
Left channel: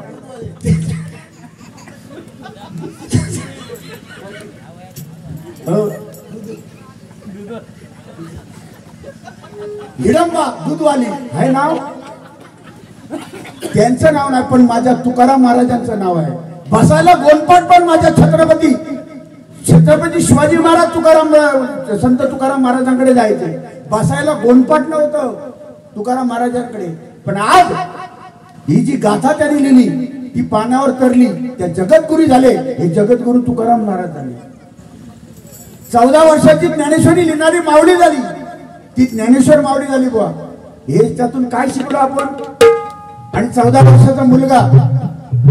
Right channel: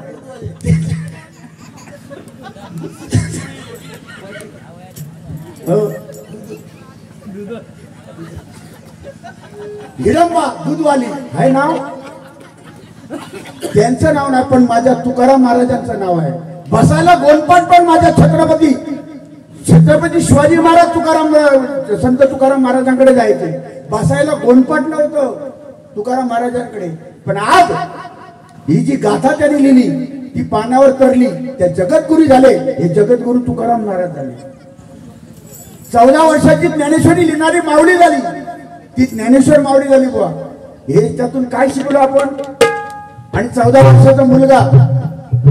हिरंबा दूधवाली आहे नाव त्यांचं नाव नाही पण माझ्या तुकाराम महाराजांचं नाव आहे बसायला गोंडपाट पण माझ्या छत्रपती शिवाजी महाराज संत तुकाराम महाराजांकडे जायचे बसायला गोंडपाट नव्हतं तुकाराम महाराजांकडे पण आज ही जी गाथा त्यांनी लिहिली ती पानावर तरली त्या जगद्गुरू झाले हे जगद्गुरू तुकाराम महाराज झाले 14 वर्षाची ज्ञानेश्वरी लिहिणारी माऊली झाली ती ज्ञानेश्वर माऊली झाली बुवा हे त्यातून काय शिकलो आपण आणि 14 वर्षाचा मुलगा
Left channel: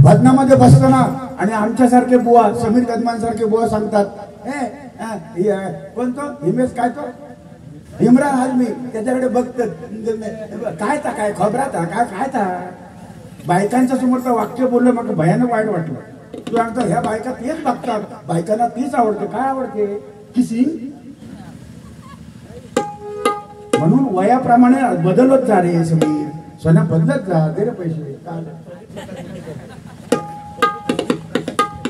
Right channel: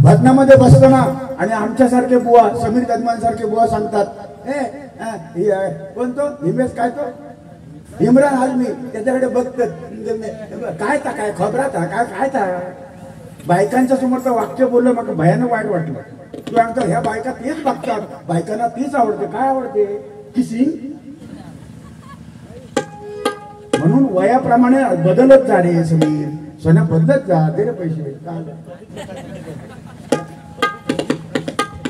भजनामध्ये बसताना आणि आमच्यासारखे बुवा समीर कदमान सारखे बुवा सांगतात कोणतो हिमेश काय तो इम्रान आजमी त्याच्याकडे बघत काय था काय खबरात काय था बायकांच्या समोरचं वाक्य बोललं मग भयानक वाईट वाटलं तू सांगतो ह्या बायका तेच बघतात बायकांना तीच आवडते काय आवडते किसिंग म्हणून वयाप्रमाणे बदलत जा रे समीर सोन्या बदलत जा दे रे पैसे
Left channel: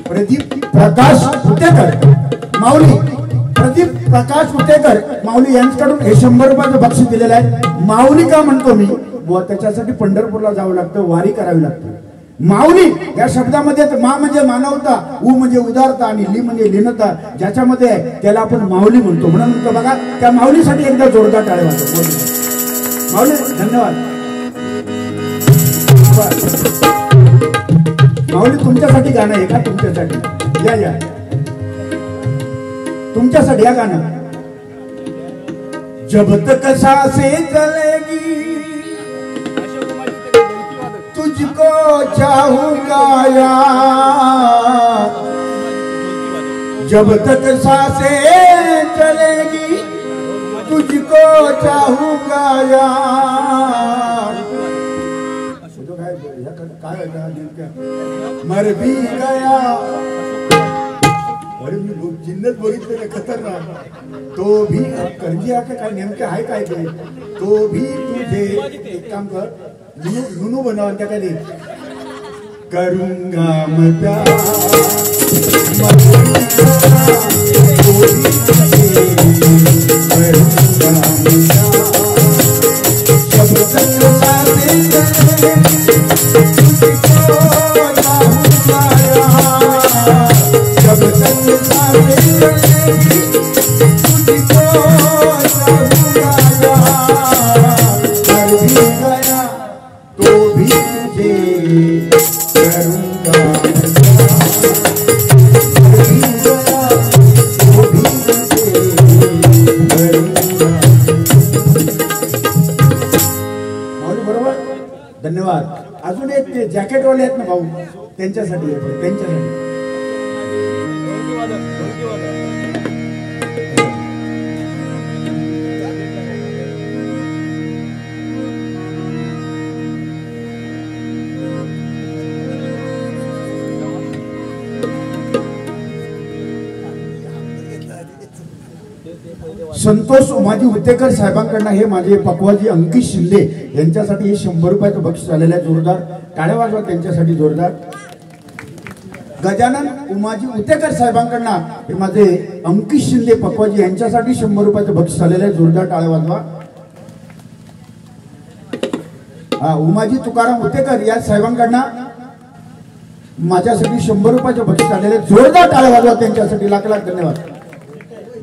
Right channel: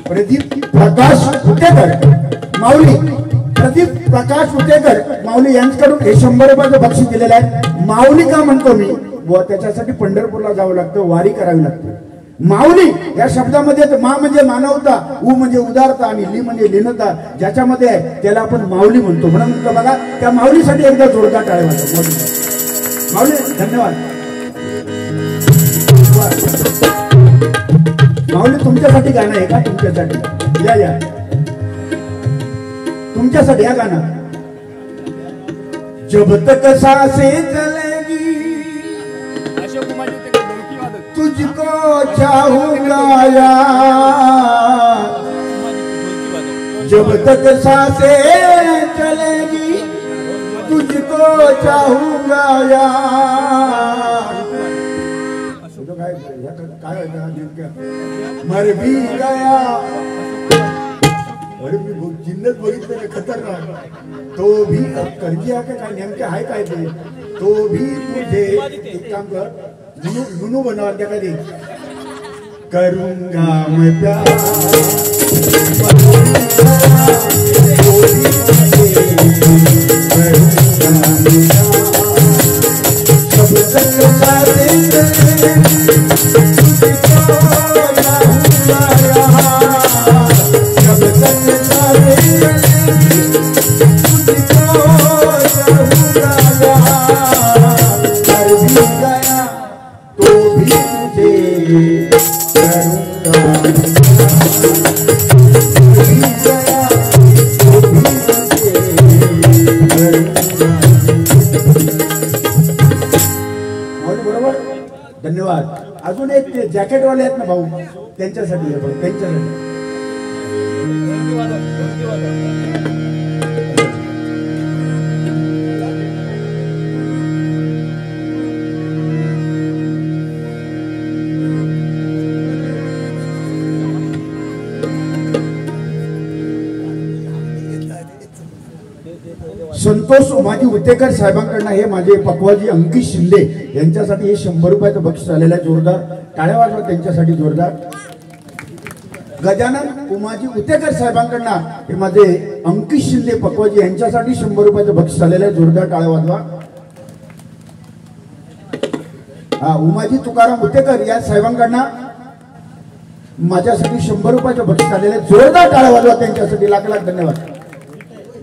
प्रदीप प्रकाश उतेकर माऊली प्रदीप प्रकाश उतेकर माऊली यांच्याकडून हे 100 रुपयाचं बक्षीस दिलेलं आहे माऊली का म्हणतो मी बुवा त्याच्यासाठी पंढरपूरला जावं लागतं वारी करावी लागते माऊली या शब्दामध्ये मा म्हणजे मानवता उ म्हणजे उदारता आणि ली म्हणजे लीनता ज्याच्यामध्ये आहे त्याला आपण माऊली म्हणतो म्हणून बघा त्या माऊलीसाठी एकदा जोरदार टाळ्या माऊली धन्यवाद माऊली तुमच्यासाठी गाणं आहे का तुमच्यासाठी या तुमच्यासाठी या गाणं जब तक सांसें चलेगी तुझको चाहूंगा यार जब तक सांसें चलेगी तुझको चाहूंगा यार काय मर भी गया अरे मी जिन्नत बघितली कुठेतरी खतरनाक तो भी कर्जी आहे काय नेमकं आहे काय ते तो भी तुझे एक काम कर लुनू बनवा त्या काय करूंगा मैं प्यार धन्यवाद. अजून एक ते जॅकेटवाले आहेत ना भाऊ त्यांच्यासाठी संतोष उमाजी उतेकर साहेबांकडनं हे माझे पप्पाजी अंकित शिंदे यांच्यासाठी हे 100 रुपयाचं बक्षीस आलेलं आहे. जोरदार टाळ्या वाजवा त्यांच्यासाठी जोरदार. गजानन उमाजी उतेकर साहेबांकडनं हे माझे अंकित शिंदे पप्पाजी यांच्यासाठी 100 रुपयाचं बक्षीस आलेलं आहे. जोरदार टाळ्या वाजवा. हा उमाजी तुकाराम उतेकर या साहेबांकडनं माझ्यासाठी 100 रुपयाचं बक्षीस आलेलं आहे. जोरदार टाळ्या वाजवा त्यांच्यासाठी. लाख लाख धन्यवाद.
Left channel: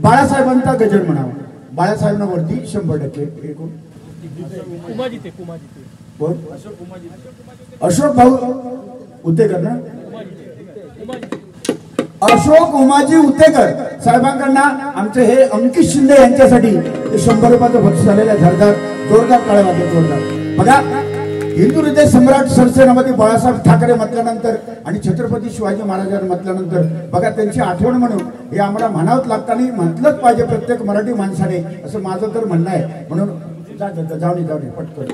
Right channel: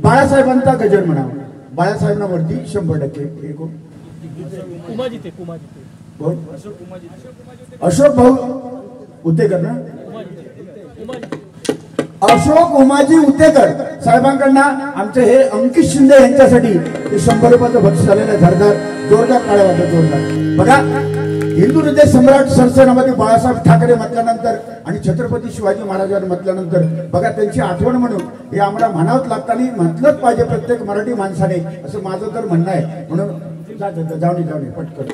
बाळासाहेबांचा गजर म्हणावा. बाळासाहेबांना वरती 100% अशोक भाऊ उतेकर ना अशोक उमाजी उतेकर साहेबांकडनं आमचे हे अंकित शिंदे यांच्यासाठी 100 रुपयाचं बक्षीस झालेलं आहे. जोरदार टाळ्या वाजवा. जोरदार. बघा हिंदू हृदय सम्राट सरसेनापती बाळासाहेब ठाकरे म्हटल्यानंतर आणि छत्रपती शिवाजी महाराजांनी म्हटल्यानंतर बघा त्यांची आठवण म्हणून हे आम्हाला म्हणावंच लागतं आणि म्हटलंच पाहिजे प्रत्येक मराठी माणसाने असं माझं तर म्हणणं आहे. म्हणून जाऊ पटकन.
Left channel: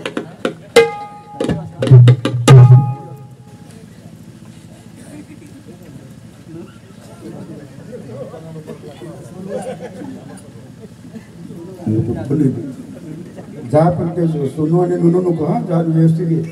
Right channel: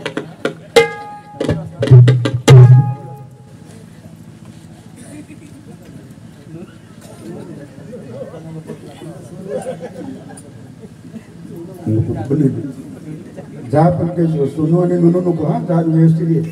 जा पण ते सोनू आणि नुनो नको. हा जा व्यवस्थित ये.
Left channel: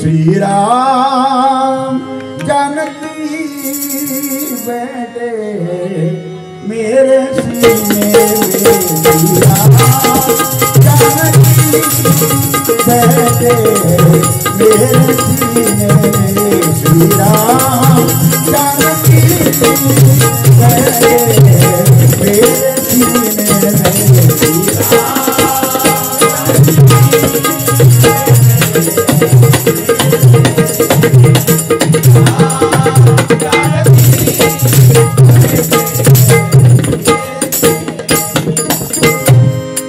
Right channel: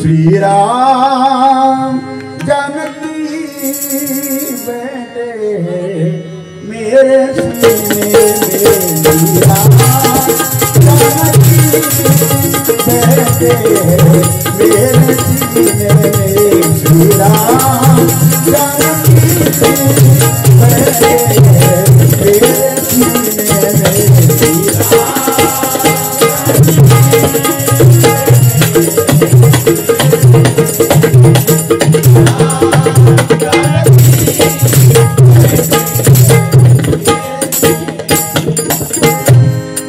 श्रीराम जानकी बेटे मेरे सीने बैठे मेरे सीने श्री राम जानकी बैठे मेरे सीने श्री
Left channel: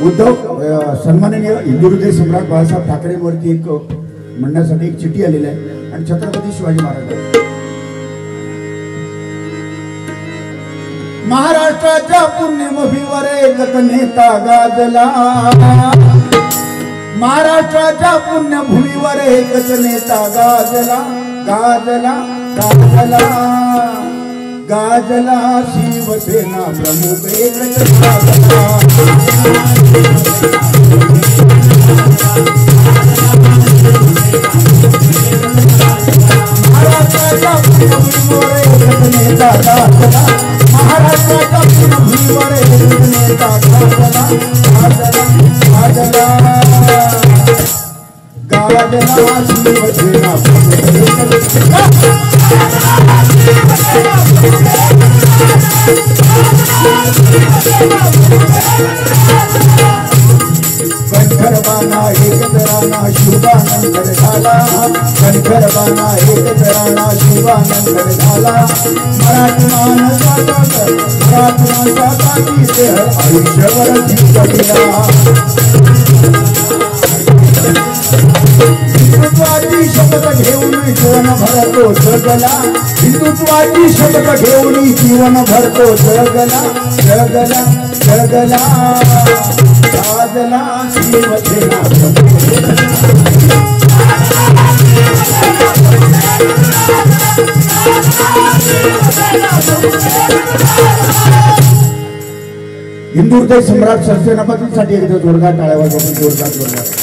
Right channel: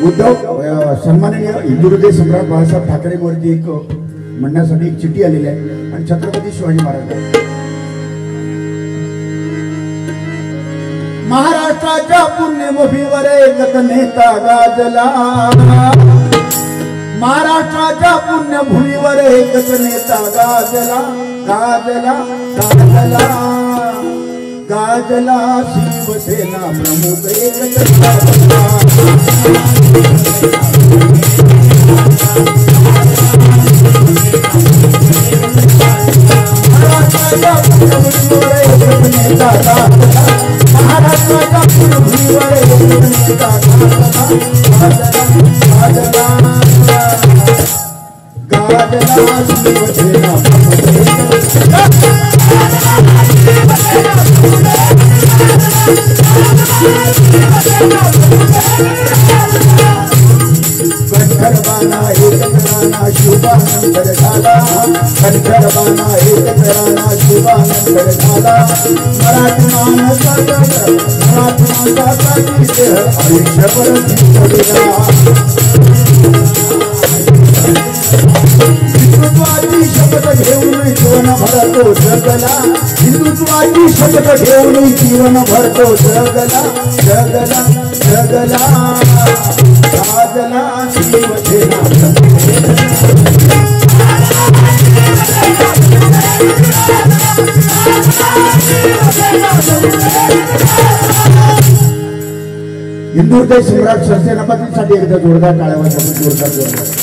उद्धव सन्माननीय हिंदू हृदय सम्राट बाळासाहेब ठाकरेंवरती एक म्हणण्यासाठी एक चिठी आलेली आहे आणि छत्रपती शिवाजी महाराज महाराष्ट्राच्या पुण्यभूमीवर एक नेता गाजला. महाराष्ट्राच्या पुण्यभूमीवर एकच नेता गाजला गाजला गाजला गाजला शिवसेना प्रमुख एकच गाजला. महाराष्ट्राच्या पुण्यभूमीवर एकच नेता गाजला. महाराष्ट्राच्या पुण्यभूमीवर एकच नेता गाजला गाजला गाजला गाजला शिवसेना कंठरबाना एकतराना शुभानंतर झाला. कंठरबाना एकतराना शुभानंतर झाला. मराठवाचा पाठी आयुष्यभर जिंकलेला. हिंदुत्वाची शपथ घेऊन जीवन भरत भरतो जगला, हिंदुत्वाची शपथ घेऊन जीवन भरतो जगला जगला जगला, राजला शिवसेना हिंदुहृदय सम्राट सरसेनापतींसाठी एकदा जोरदार टाळ्या वाजवून जोरदार जोरदार.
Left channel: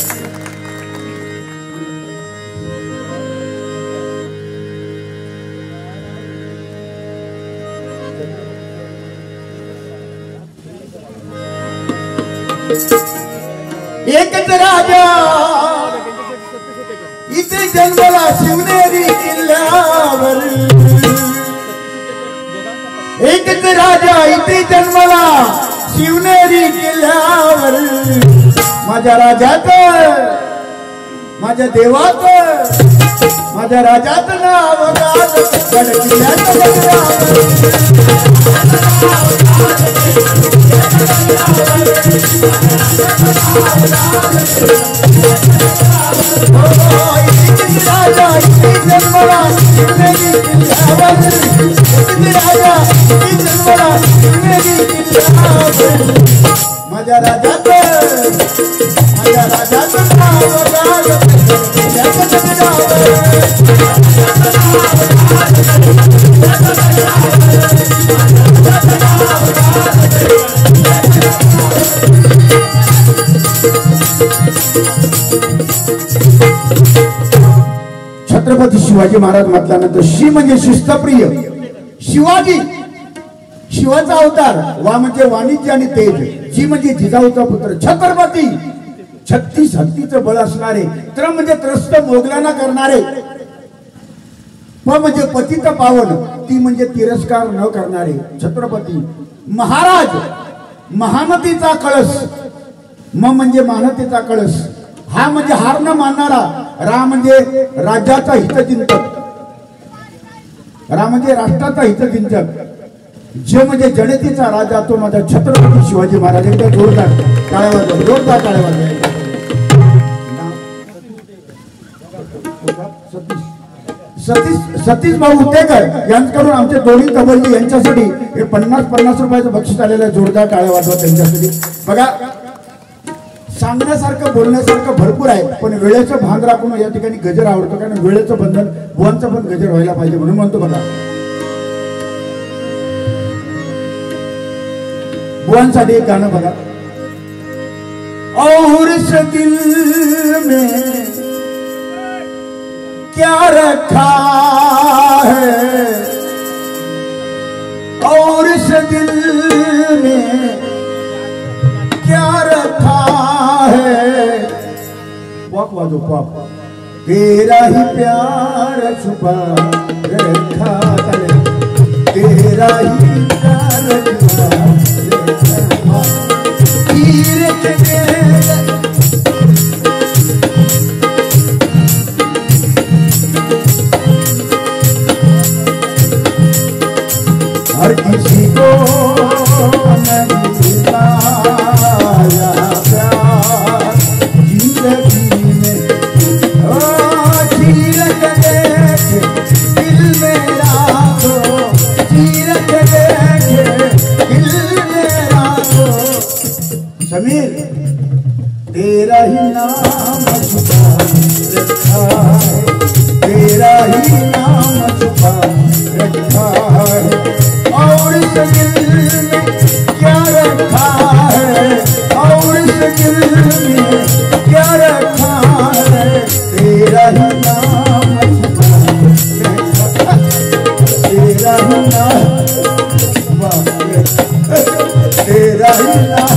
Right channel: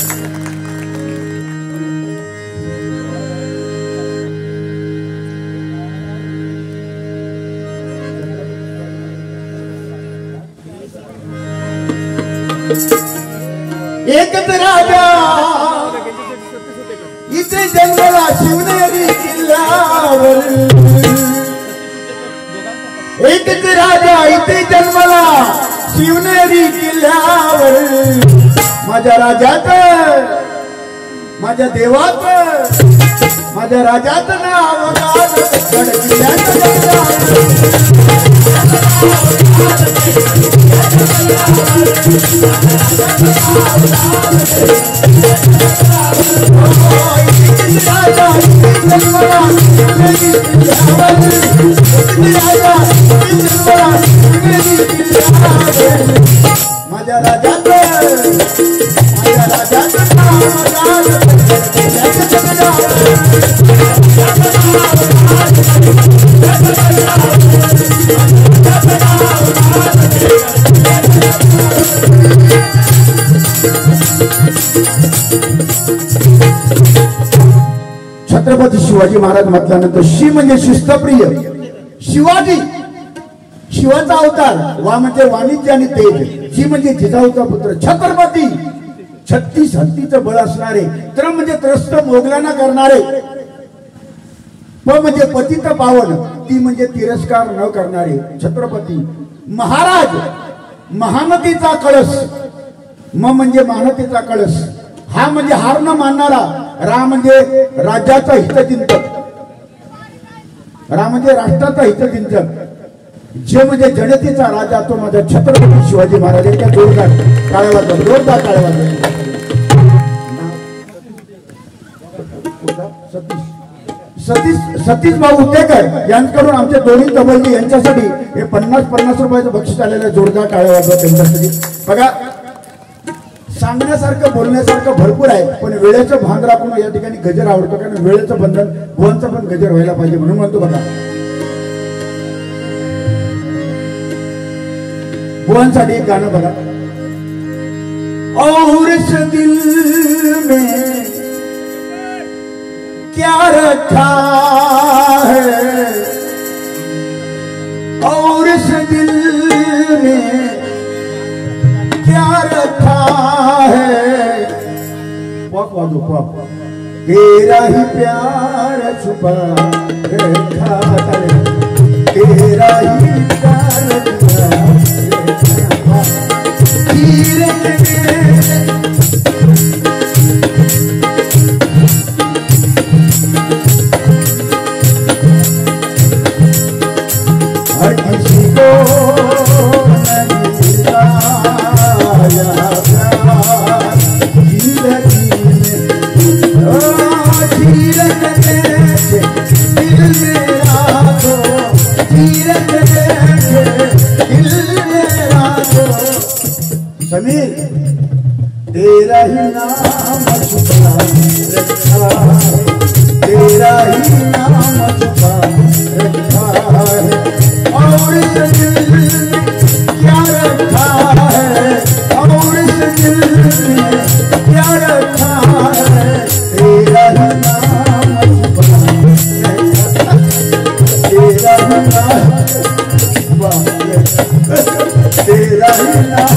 एकच राजा इथे जन्मला शिवनेरी किल्ल्यावर, एकच राजा इथे जन्मला शिवनेरी किल्ल्यावर, माझ्या राजात माझ्या देवात माझ्या राजात नाव माझ्या राजात छत्रपती शिवाजी महाराज म्हटल्यानंतर शी म्हणजे शिस्तप्रिय शिवाजी, शिवाचा अवतार, वा म्हणजे वाणिज्य आणि तेज, जी म्हणजे जिजाऊचा पुत्र छत्रपती, 36 हत्तीचं बळ असणारे, त्र म्हणजे त्रस्त मोगलांना करणारे, प म्हणजे पतित पावन, ती म्हणजे तिरस्कार न करणारे छत्रपती महाराज, महानतेचा कळस, म म्हणजे मानतेचा कळस, हा म्हणजे हार न मानणारा, रा म्हणजे राज्याचा हितचिंतक, रा म्हणजे राष्ट्राचा हितचिंतक, जे म्हणजे जनतेचा राजा, तो माझा छत्रपती शिवाजी महाराज यांच्या जोरदार टाळ्या वाजवा, जोरदार टाळ्या वाजवा. सतीश भाऊ उटेकर यांच्याकडून आमचे दोन्ही कबड्डी यांच्यासाठी हे 50 रुपयाचं बक्षीस आलेलं, जोरदार टाळ्या वाजवा त्यांच्यासाठी. बघा, सांगण्यासारखं बोलण्यासारखं भरपूर आहे, पण वेळेचं भान राखून या ठिकाणी गजर आवडतो, कारण वेळेचं बंधन, बुवांचं पण गजर व्हायला पाहिजे म्हणून म्हणतो. बघा, बुवांसाठी एक गाणं बघा. और इस दिल में क्या रखा है, और इस दिल में क्या रखा है, पॉप वाजो पॉप, तेरा ही प्यार छुपा रखा है, तेरा ही प्यार छुपा रखा हर किसी को समीर, तेरा ही नाम छुपा रखा है, तेरा ही नाम छुपा रखा है, और इस दिल में क्या रखा है, और इस दिल में क्या रखा है, तेरा ही नाम छुपा रखा, तेरा ही नाम छुपा रखा, तेरा ही नाम.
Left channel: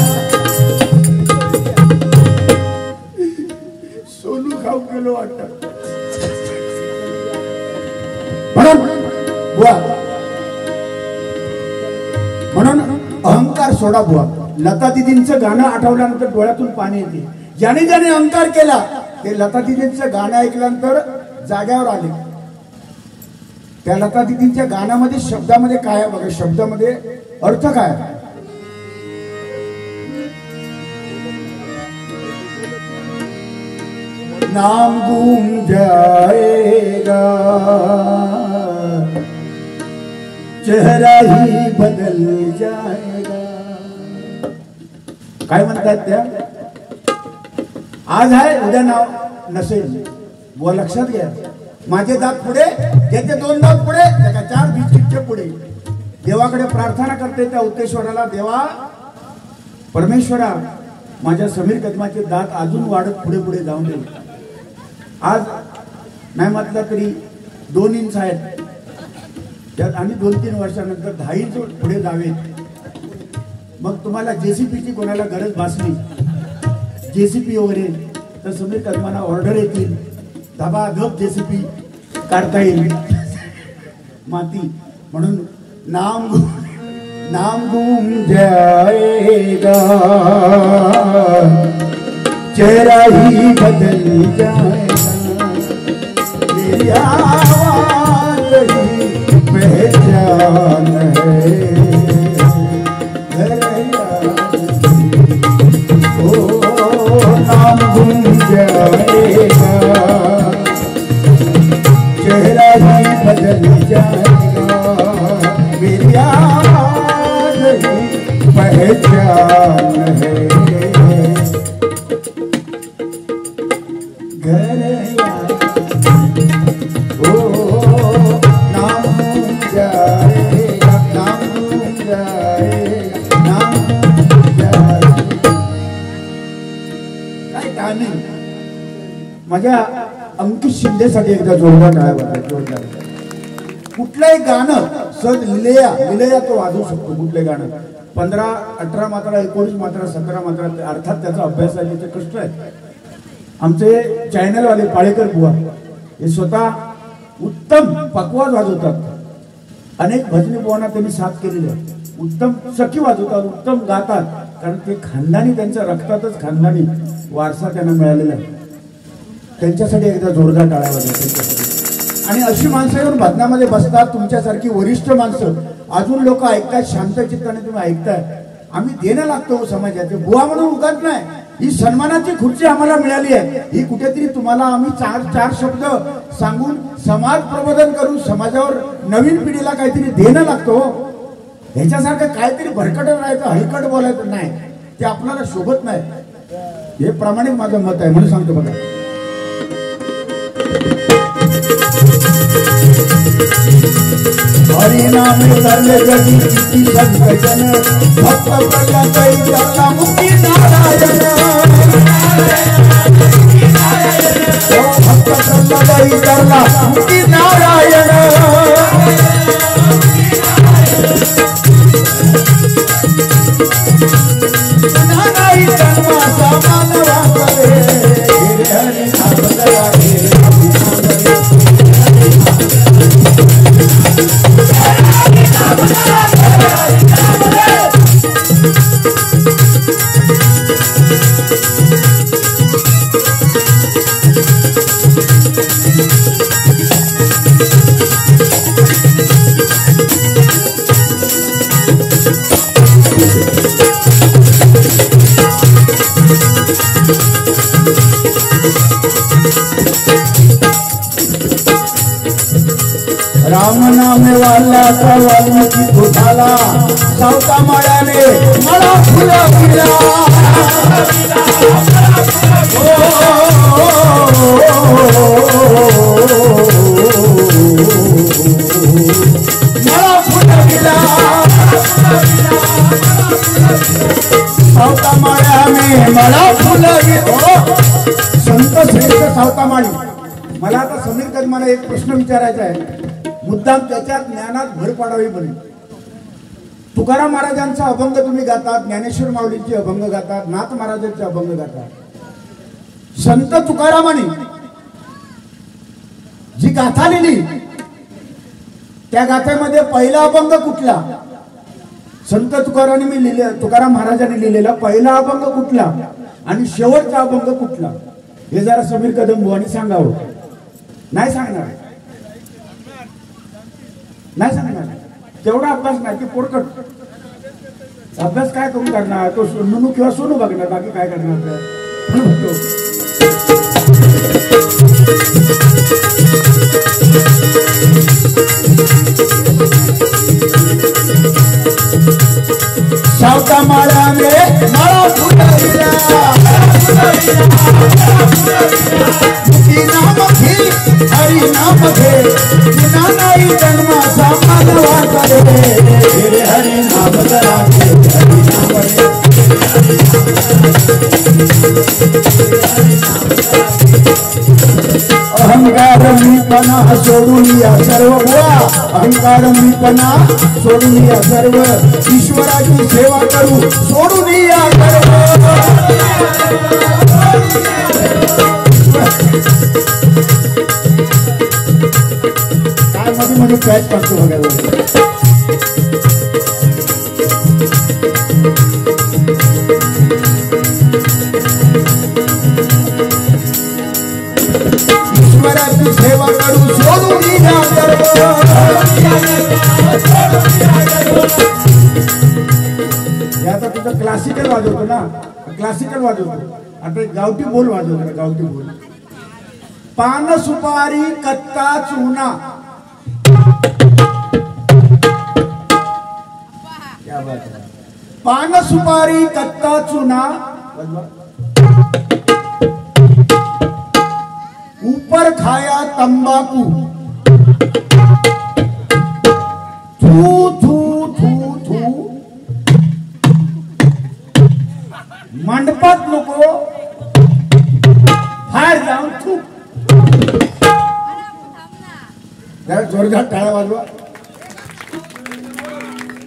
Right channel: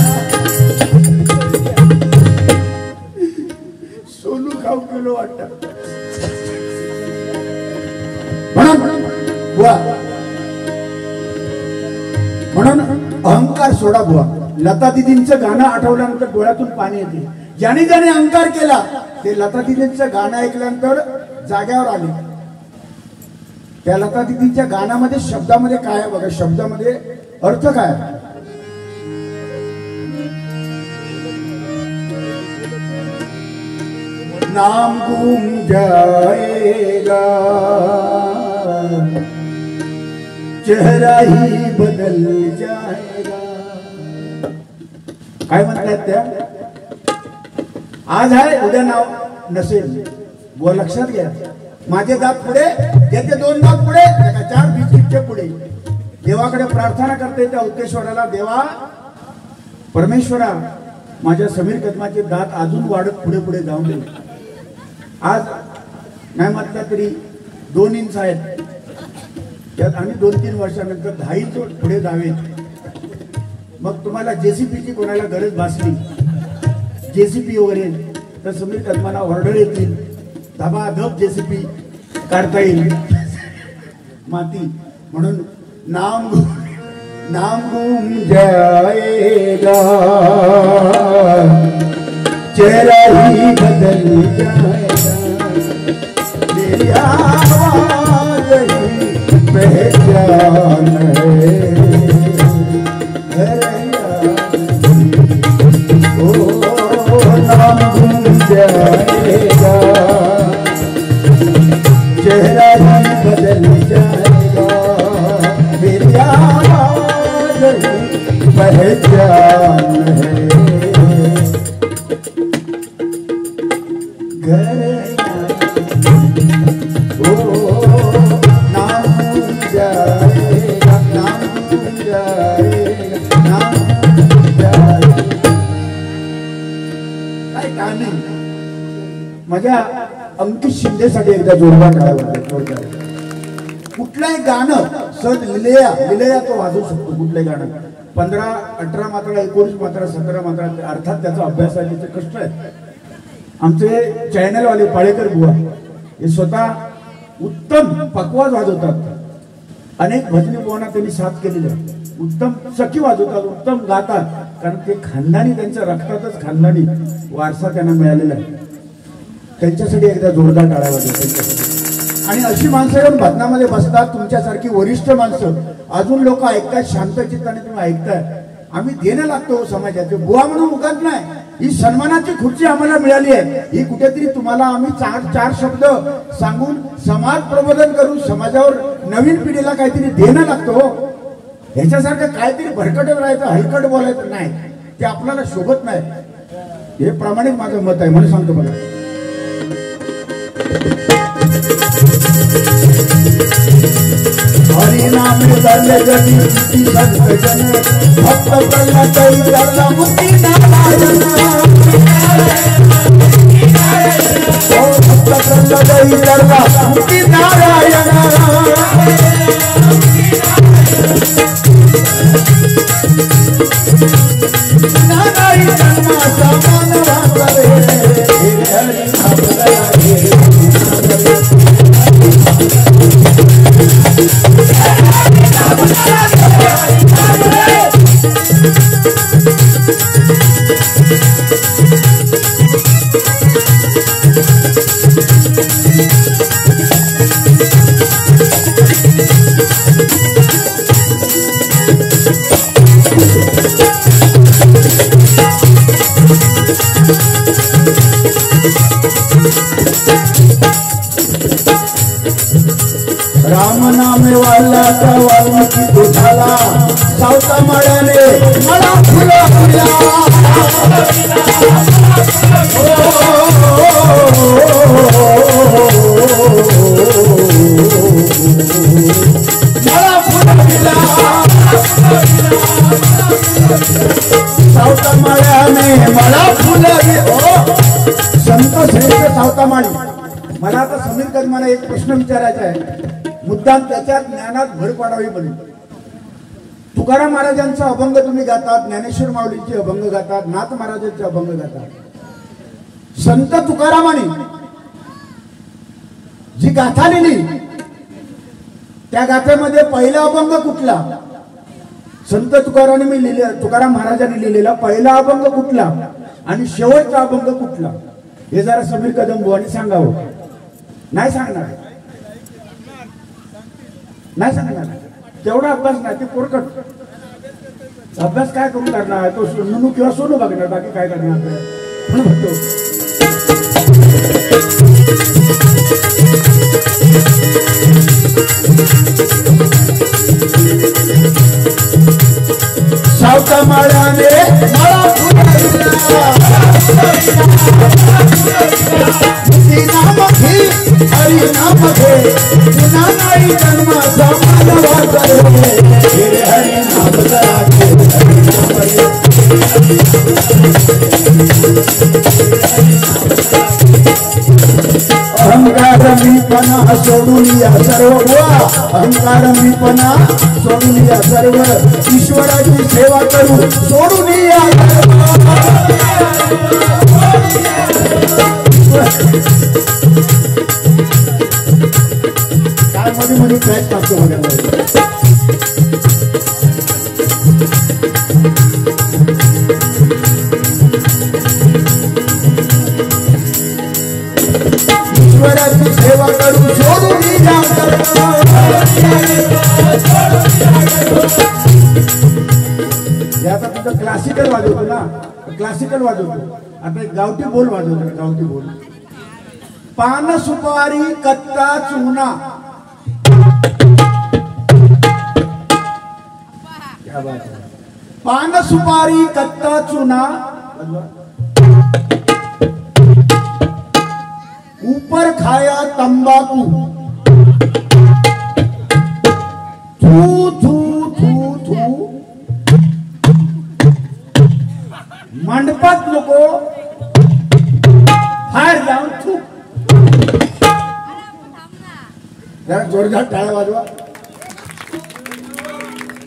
म्हणून अहंकार सोडा बुवा. लता दिदींचं गाणं आठवल्यानंतर डोळ्यातून पाणी येते. ज्याने ज्याने अहंकार केला ते लता दिदींचं गाणं ऐकल्यानंतर जाग्यावर आले. त्या लता दिदींच्या गाण्यामध्ये शब्दामध्ये काय आहे बघा, शब्दामध्ये अर्थ काय आहे. नाम गुम जाएगा चेहरा ही बदल जाएगा. काय म्हणतात त्या? आज आहे उद्या नाव नसेल. व लक्षात घ्या, माझे दात पुढे, याचे 2 दात पुढे, 4 बिस्किटचे पुढे. देवाकडे प्रार्थना करते त्या उक्तेश्वराला, देवा परमेश्वरा माझ्या समीर कदमाचे दात अजून वाढत पुढे पुढे जाऊन दे. आज नाही म्हटलं तरी 2 इंच आहेत, त्यात आणि 2-3 वर्षानंतर 10 इंच पुढे जावे. मग तुम्हाला जेसीपीची कोणाला गरज भासली, जेसीपी वगैरे, तर समीर कदमाला ऑर्डर येतील, धबाधब जेसीपी काढता येईल माती. म्हणून नाम घूम जाएगा, चेहरा ही बदल जाएगा, मेरी आवाज़ ही पहचान है. नाम घूम जाएगा, चेहरा ही बदल जाएगा, मेरी आवाज़ ही पहचान है. घर नाम घूम जाएगा, नाम घूम जाएगा, नाम घूम जाएगा. काय टायमिंग. माझ्या अंकित शिंदेसाठी एकदा जोरदार टाळ्या. कुठलंही गाणं सहज लिलेया तो वाजवू शकतो. कुठलंही गाणं 15-18 मात्रा, 19 मात्रा, 17 मात्रा, अर्थात त्याचा अभ्यास आहे, त्याचे कष्ट आहेत. आमचे चॅनलवाले पाळेकर बुवा हे स्वतः उत्तम पक्वाज वाजवतात. अनेक भजनी बुवांना त्यांनी साथ केलेली आहे. उत्तम सखी वाजवतात, उत्तम गातात, कारण ते खानदानी, त्यांच्या रक्तातच खानदानी वारसा त्यांना मिळालेला आहे. त्यांच्यासाठी एकदा जोरदार टाळ्या वाजवतात. आणि अशी माणसं येऊन भजनामध्ये बसतात, तुमच्यासारखी वरिष्ठ माणसं, अजून लोक ऐकतात, शांत चित्ताने तुम्ही ऐकताय. आम्ही देणं लागतो समाजाचे. बुवा म्हणून उगाच नाही, ही सन्मानाची खुर्ची आम्हाला मिळाली आहे. ही कुठेतरी तुम्हाला आम्ही 4 शब्द सांगून समाज प्रबोधन करून समाजावर नवीन पिढीला काहीतरी देणं लागतो. ह्याच्यासारखं काहीतरी भरकटत राहायचं, हलकट बोलायचं नाही, ते आपल्याला शोभत नाही. हे प्रामाणिक माझं मत आहे, म्हणून सांगतो बघा. हरिनाम झाले गती किती सज्जन, भक्त कल्याण करला मुक्ती नारायण. भक्त कल्याण करला मुक्ती नारायण. नारायण जन्माचा मानवा करे, हरिनाम राम नाम वाला का वाल्मिकी तो झाला, सावता माळ्याने मला फुला दिला. मला फुला दिला, सावता माळ्याने मला फुला दिला. संत श्रेष्ठ सावता माळी. मला आता समीर कदमाला एक प्रश्न विचारायचा आहे, मुद्दाम त्याच्या ज्ञानात भर पाडावी बरी. तुकाराम महाराजांचा अभंग तुम्ही गातात, ज्ञानेश्वर माऊलींचे अभंग गातात, नाथ महाराजांचे अभंग गातात. संत तुकारामाने जी गाथा लिहिली त्या गाथेमध्ये पहिला अभंग कुठला? संत तुकाराम महाराजांनी लिहिलेला पहिला अभंग कुठला आणि शेवटचा अभंग कुठला? हे जरा समीर कदम बुवांनी सांगावं. नाही सांगणार, नाही सांगणार. तेवढा अभ्यास नाही, ते पोरकट अभ्यास काय करून करणार? तो म्हणू किंवा सोनू बघणार, बाकी काय करणार? नाम घे हरी नाम घे बिना नाही जन्माचा मानवाचा रे हरी नाम राखे हरी नाम रे अहंकार मीपणा सोडून या सर्व बुवा अहंकार मीपणा सोडून या सर्व ईश्वराची सेवा करू सोडून या काय मध्ये पॅच टाकतो बघायला ईश्वराची सेवा करू सोडून आता तुझं क्लासिकल वाजवतो ना क्लासिकल वाजवतो आता गावठी बोल वाजवतो ना गावठी बोल पान सुपारी कत्ता चुना क्या बात है पान सुपारी कत्ता चुना ऊपर खाया तंबाकू थू थू थू थू मंडपात नको बाहेर जाऊन थू जरा जोरदार टाळ्या वाजवा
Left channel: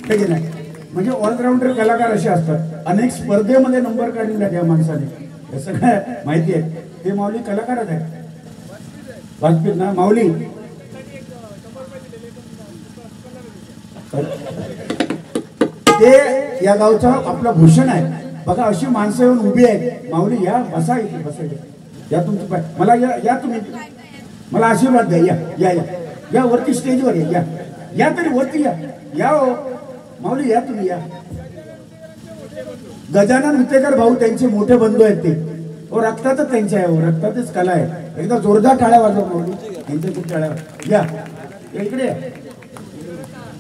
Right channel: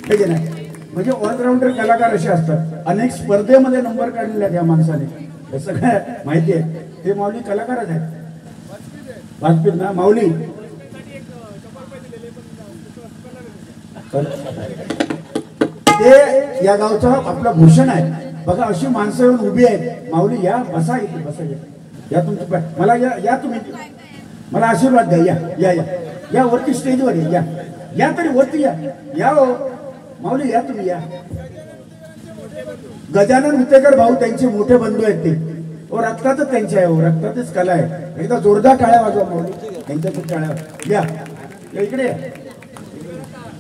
ठीक नाही म्हणजे ऑलराऊंडर कलाकार असे असतात अनेक स्पर्धेमध्ये नंबर काढलेला त्या माणसाने असं काय माहिती आहे ते माऊली कलाकारच आहे वाजपेयी ना माऊली ते या गावचं आपलं भूषण आहे बघा अशी माणसं येऊन उभी आहेत माऊली या बसा इथे बसा या तुमची मला या तुम्ही मला आशीर्वाद द्या या या या या वरती स्टेजवर या या तरी वरती या हो माऊली या तुम्ही या गजानन विटेकर भाऊ त्यांचे मोठे बंधू आहेत ते रक्तातच त्यांच्या आहे रक्तातच कला आहे एकदा जोरदार टाळ्या वाजवा माऊली त्यांच्या खूप टाळ्या या इकडे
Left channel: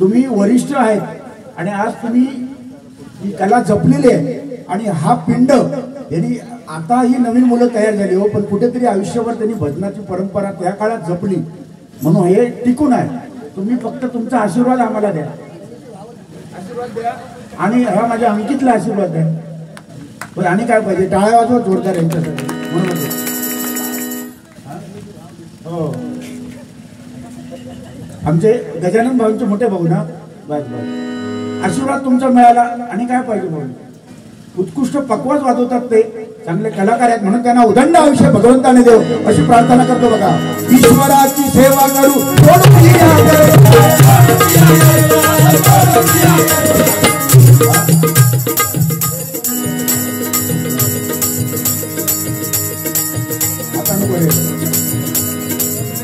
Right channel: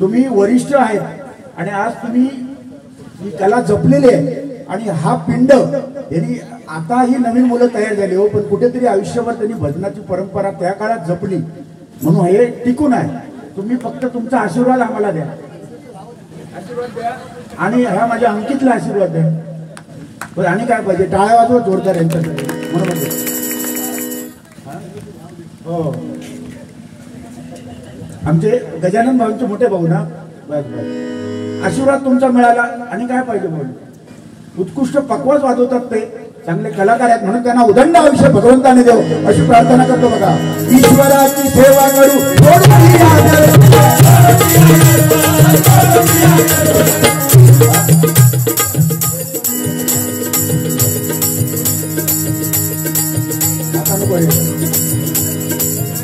तुम्ही वरिष्ठ आहेत आणि आज तुम्ही ही कला जपलेली आहे आणि हा पिंड यांनी आता ही नवीन मुलं तयार झाली हो पण कुठेतरी आयुष्यभर त्यांनी भजनाची परंपरा त्या काळात जपली म्हणून हे टिकून आहे तुम्ही फक्त तुमचा आशीर्वाद आम्हाला द्या आशीर्वाद द्या आणि हा माझ्या अंकितला आशीर्वाद द्या बरं आणि काय पाहिजे टाळ्या वाजवा जोरदार यांच्यासाठी म्हणून हो आमचे गजानन भाऊंचे मोठे भाऊ ना बस बस आशीर्वाद तुमचा मिळाला आणि काय पाहिजे भाऊ उत्कृष्ट पक्वास वाजवतात ते चांगले कलाकार आहेत म्हणून त्यांना उदंड आयुष्य भगवंताने देव अशी प्रार्थना करतो बघा ईश्वराची सेवा करू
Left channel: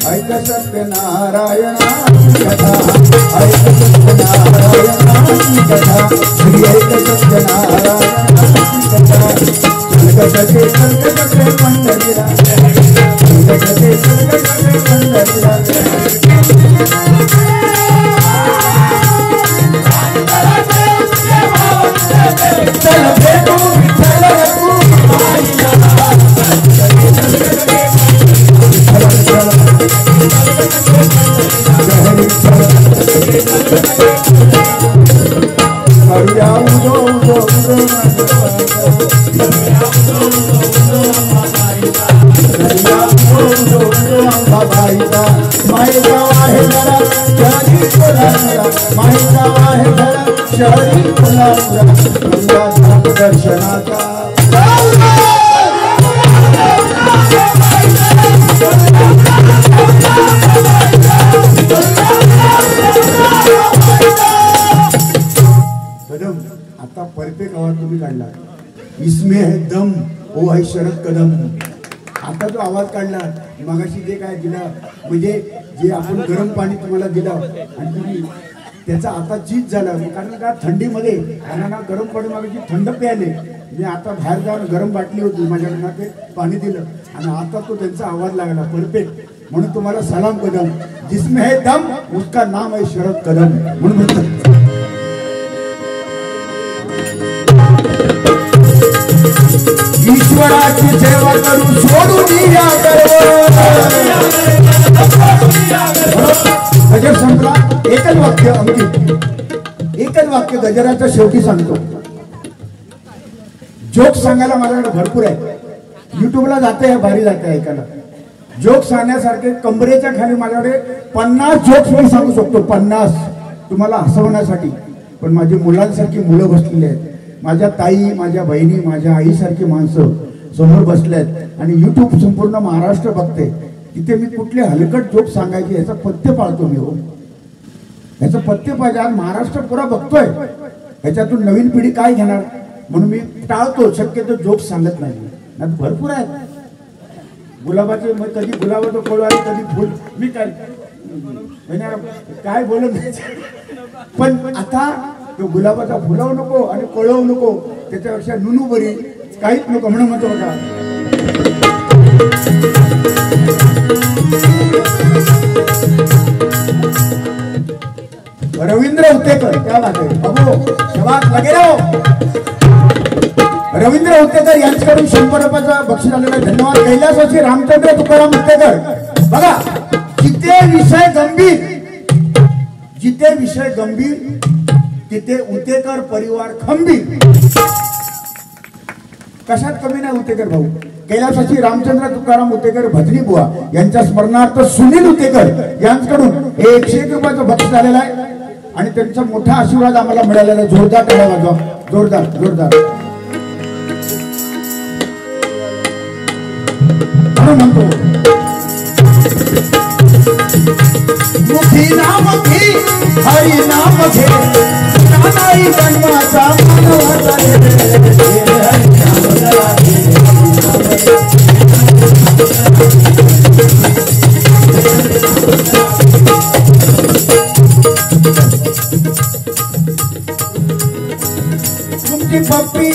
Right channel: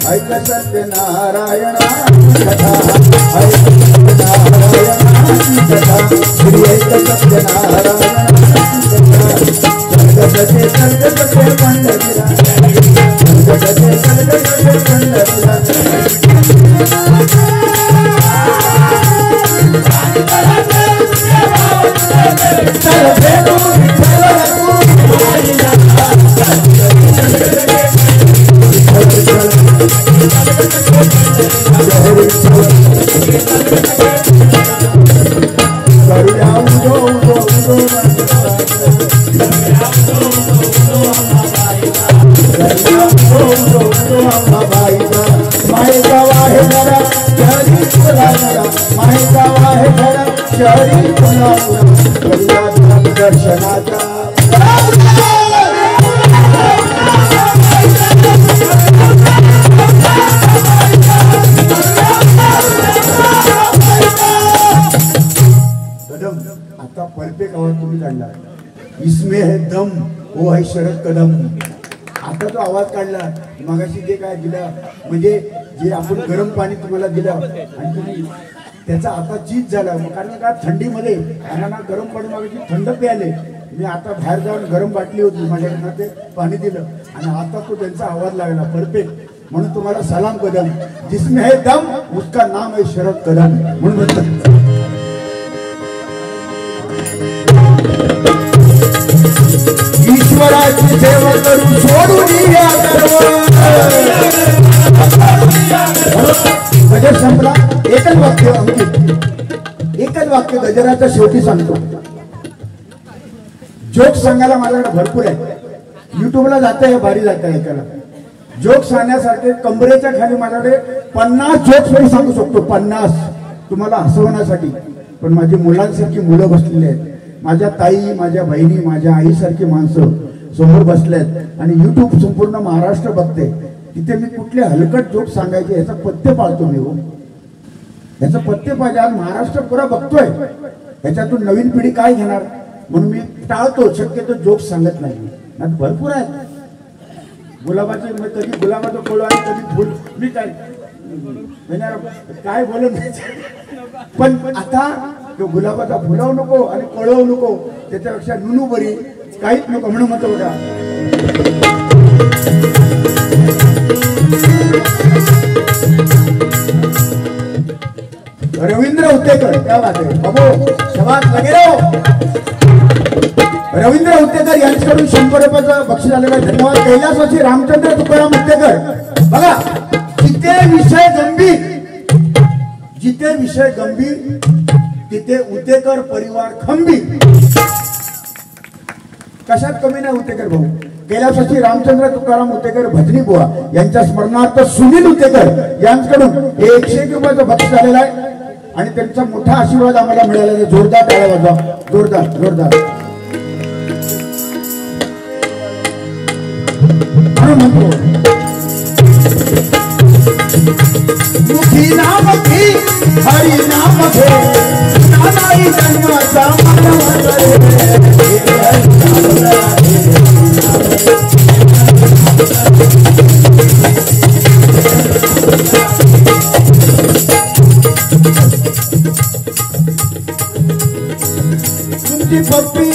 ऐक सत्यनारायणाची कथा ऐक सत्यनारायणाची कथा श्री ऐक सत्यनारायणाची कथा जगतचे सर्गचे पंढरीला जगतचे सर्गचे पंढरीला इसमें है दम वो है शरद कदम आता तो आवाज काढला मगाशी जे काय दिलं म्हणजे जे आपण गरम पाणी तुम्हाला दिलं आणि तुम्ही त्याचा आता जीत झाला कारण का थंडीमध्ये आम्हाला गरम पाणी मागायची थंड प्यायले मी आता बाहेर जाऊन गरम बाटली होती माझ्याकडनं ते पाणी दिलं आणि आता तो त्यांचा आवाज लागला परफेक्ट म्हणून तुम्हाला सलाम कदम जिसमें है दम उसका नाम है शरद कदम म्हणून म्हणतात ईश्वरा देवाची सेवा करून सोडून या गजर संपला. एकच वाक्य अंकित, एकच वाक्य गजराच्या शेवटी सांगतो. जोक सांगायला माझ्याकडे भरपूर आहे. युट्यूबला जाते भारी जाते ऐकायला. जोक सांगण्यासारखे कंबरेच्या खाली माझ्याकडे 50 जोक्स मी सांगू शकतो. 50 तुम्हाला हसवण्यासाठी. पण माझी मुलांसारखी मुलं बसलेली आहेत. माझ्या ताई, माझ्या बहिणी, माझ्या आईसारखी माणसं समोर बसले आहेत आणि युट्यूब संपूर्ण महाराष्ट्र बघते. तिथे मी कुठले हलकट जोक सांगायचे याचा पथ्य पाळतो मी. हो, याचं पथ्य पाहिजे. आज महाराष्ट्र पुरा बघतोय. ह्याच्यातून नवीन पिढी काय घेणार म्हणून मी टाळतो. शक्यतो जोक सांगत नाही. भरपूर आहेत. गुलाबाचे कधी गुलाबाचं फळ आणि कधी फुल. मी काय बोलत नाही. पण आता तो गुलाबाचा फुलावू नको आणि पळवू नको. त्याच्यापेक्षा नुनू बरी. काहीच नको म्हणून म्हणतो बघा. रवींद्र हुतेकर क्या बात आहे बाबू. शबास लगे राहो. रवींद्र हुतेकर यांच्याकडून 100 रुपयाचं बक्षीस आलेलं आहे. धन्यवाद. कैलासाची रामचंद्र तुकाराम हुतेकर. बघा, जिथे विषय गंभीर, जिथे विषय गंभीर तिथे हुतेकर परिवार खंबीर. कशात कमी नाही हुतेकर भाऊ. कैलासाची रामचंद्र तुकाराम हुतेकर भजनी बुवा यांच्या स्मरणार्थ सुनील हुतेकर यांच्याकडून 101 रुपयाचं बक्षीस आलेलं आहे आणि त्यांचा मोठा आशीर्वाद आम्हाला मिळालेला. जोरदार टाळ्या वाजवा. जोरदार जोरदार म्हणतो. मुखी नाम घे, हरी नाम घे, नानाई जन्माचा मानवाचा तुमची पप्पी,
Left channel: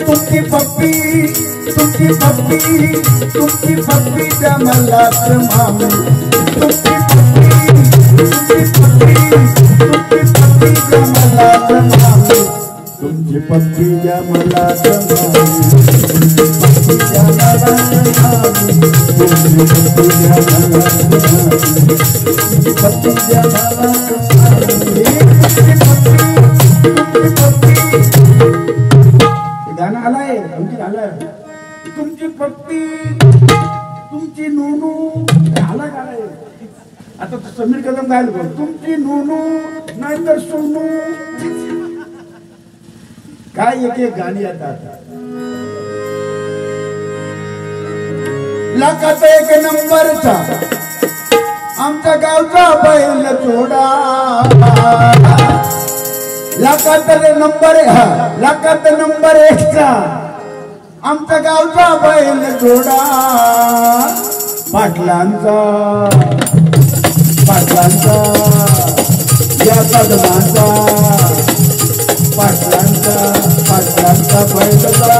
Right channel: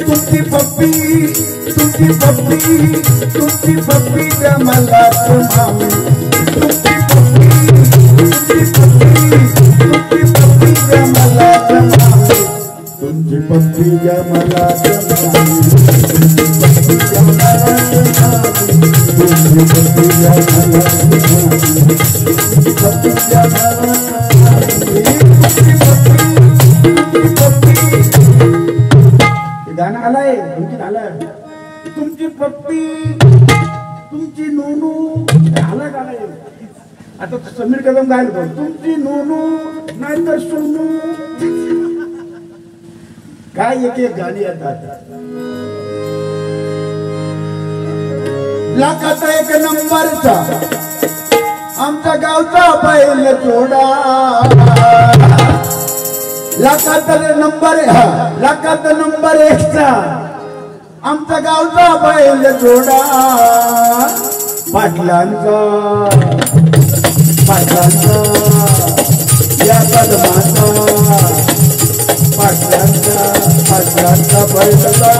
तुमची पप्पी, तुमची पप्पी, तुमची पप्पी द्या मला मामी. तुमची पप्पी, तुमची पप्पी, तुमची पप्पी द्या मला मामी. तुमची पप्पी द्या मला मामी. तुमची पप्पी द्या मला मामी. तुमची पप्पी द्या मला मामी. तुमची पप्पी द्या मला मामी. गाणं आलंय. आणखी आलंय. तुमची पप्पी, तुमची नूनू आला गाणं. आता समीर कदम गायला तुमची नूनू नाहीतर सुनू. काय एक एक गाणी येतात. लाखाचा 1 नंबरचा आमच्या गावचा बैल जोडा. लाखात नंबर, लाखात नंबर एक्स्ट्रा आमचा गावचा बैल जोडा. पाटलांचा, पाटलांचा या कदमाचा, पाटलांचा, पाटलांचा बैल जोडा.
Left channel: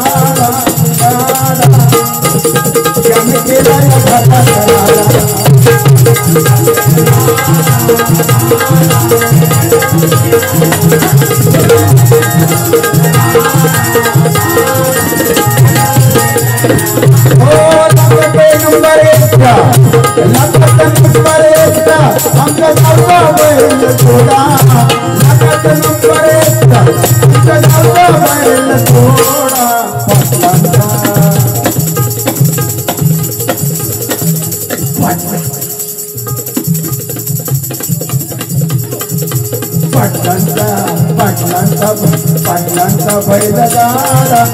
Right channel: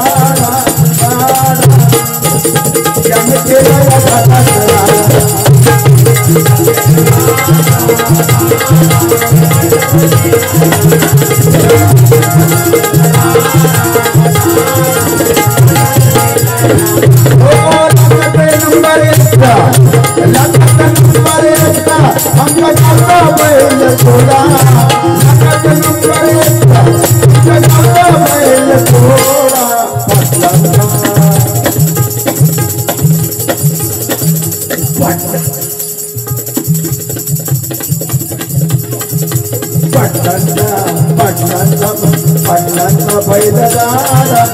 ज्याने केला या घाटात नंबर एक्स्ट्रा, नंबर एक्स्ट्रा आमच्या गावचा बैल जोडा. नंबर एक्स्ट्रा आमच्या गावचा बैल जोडा. पाटलांचा, पाटलांचा, पाटलांचा बैलगाडा,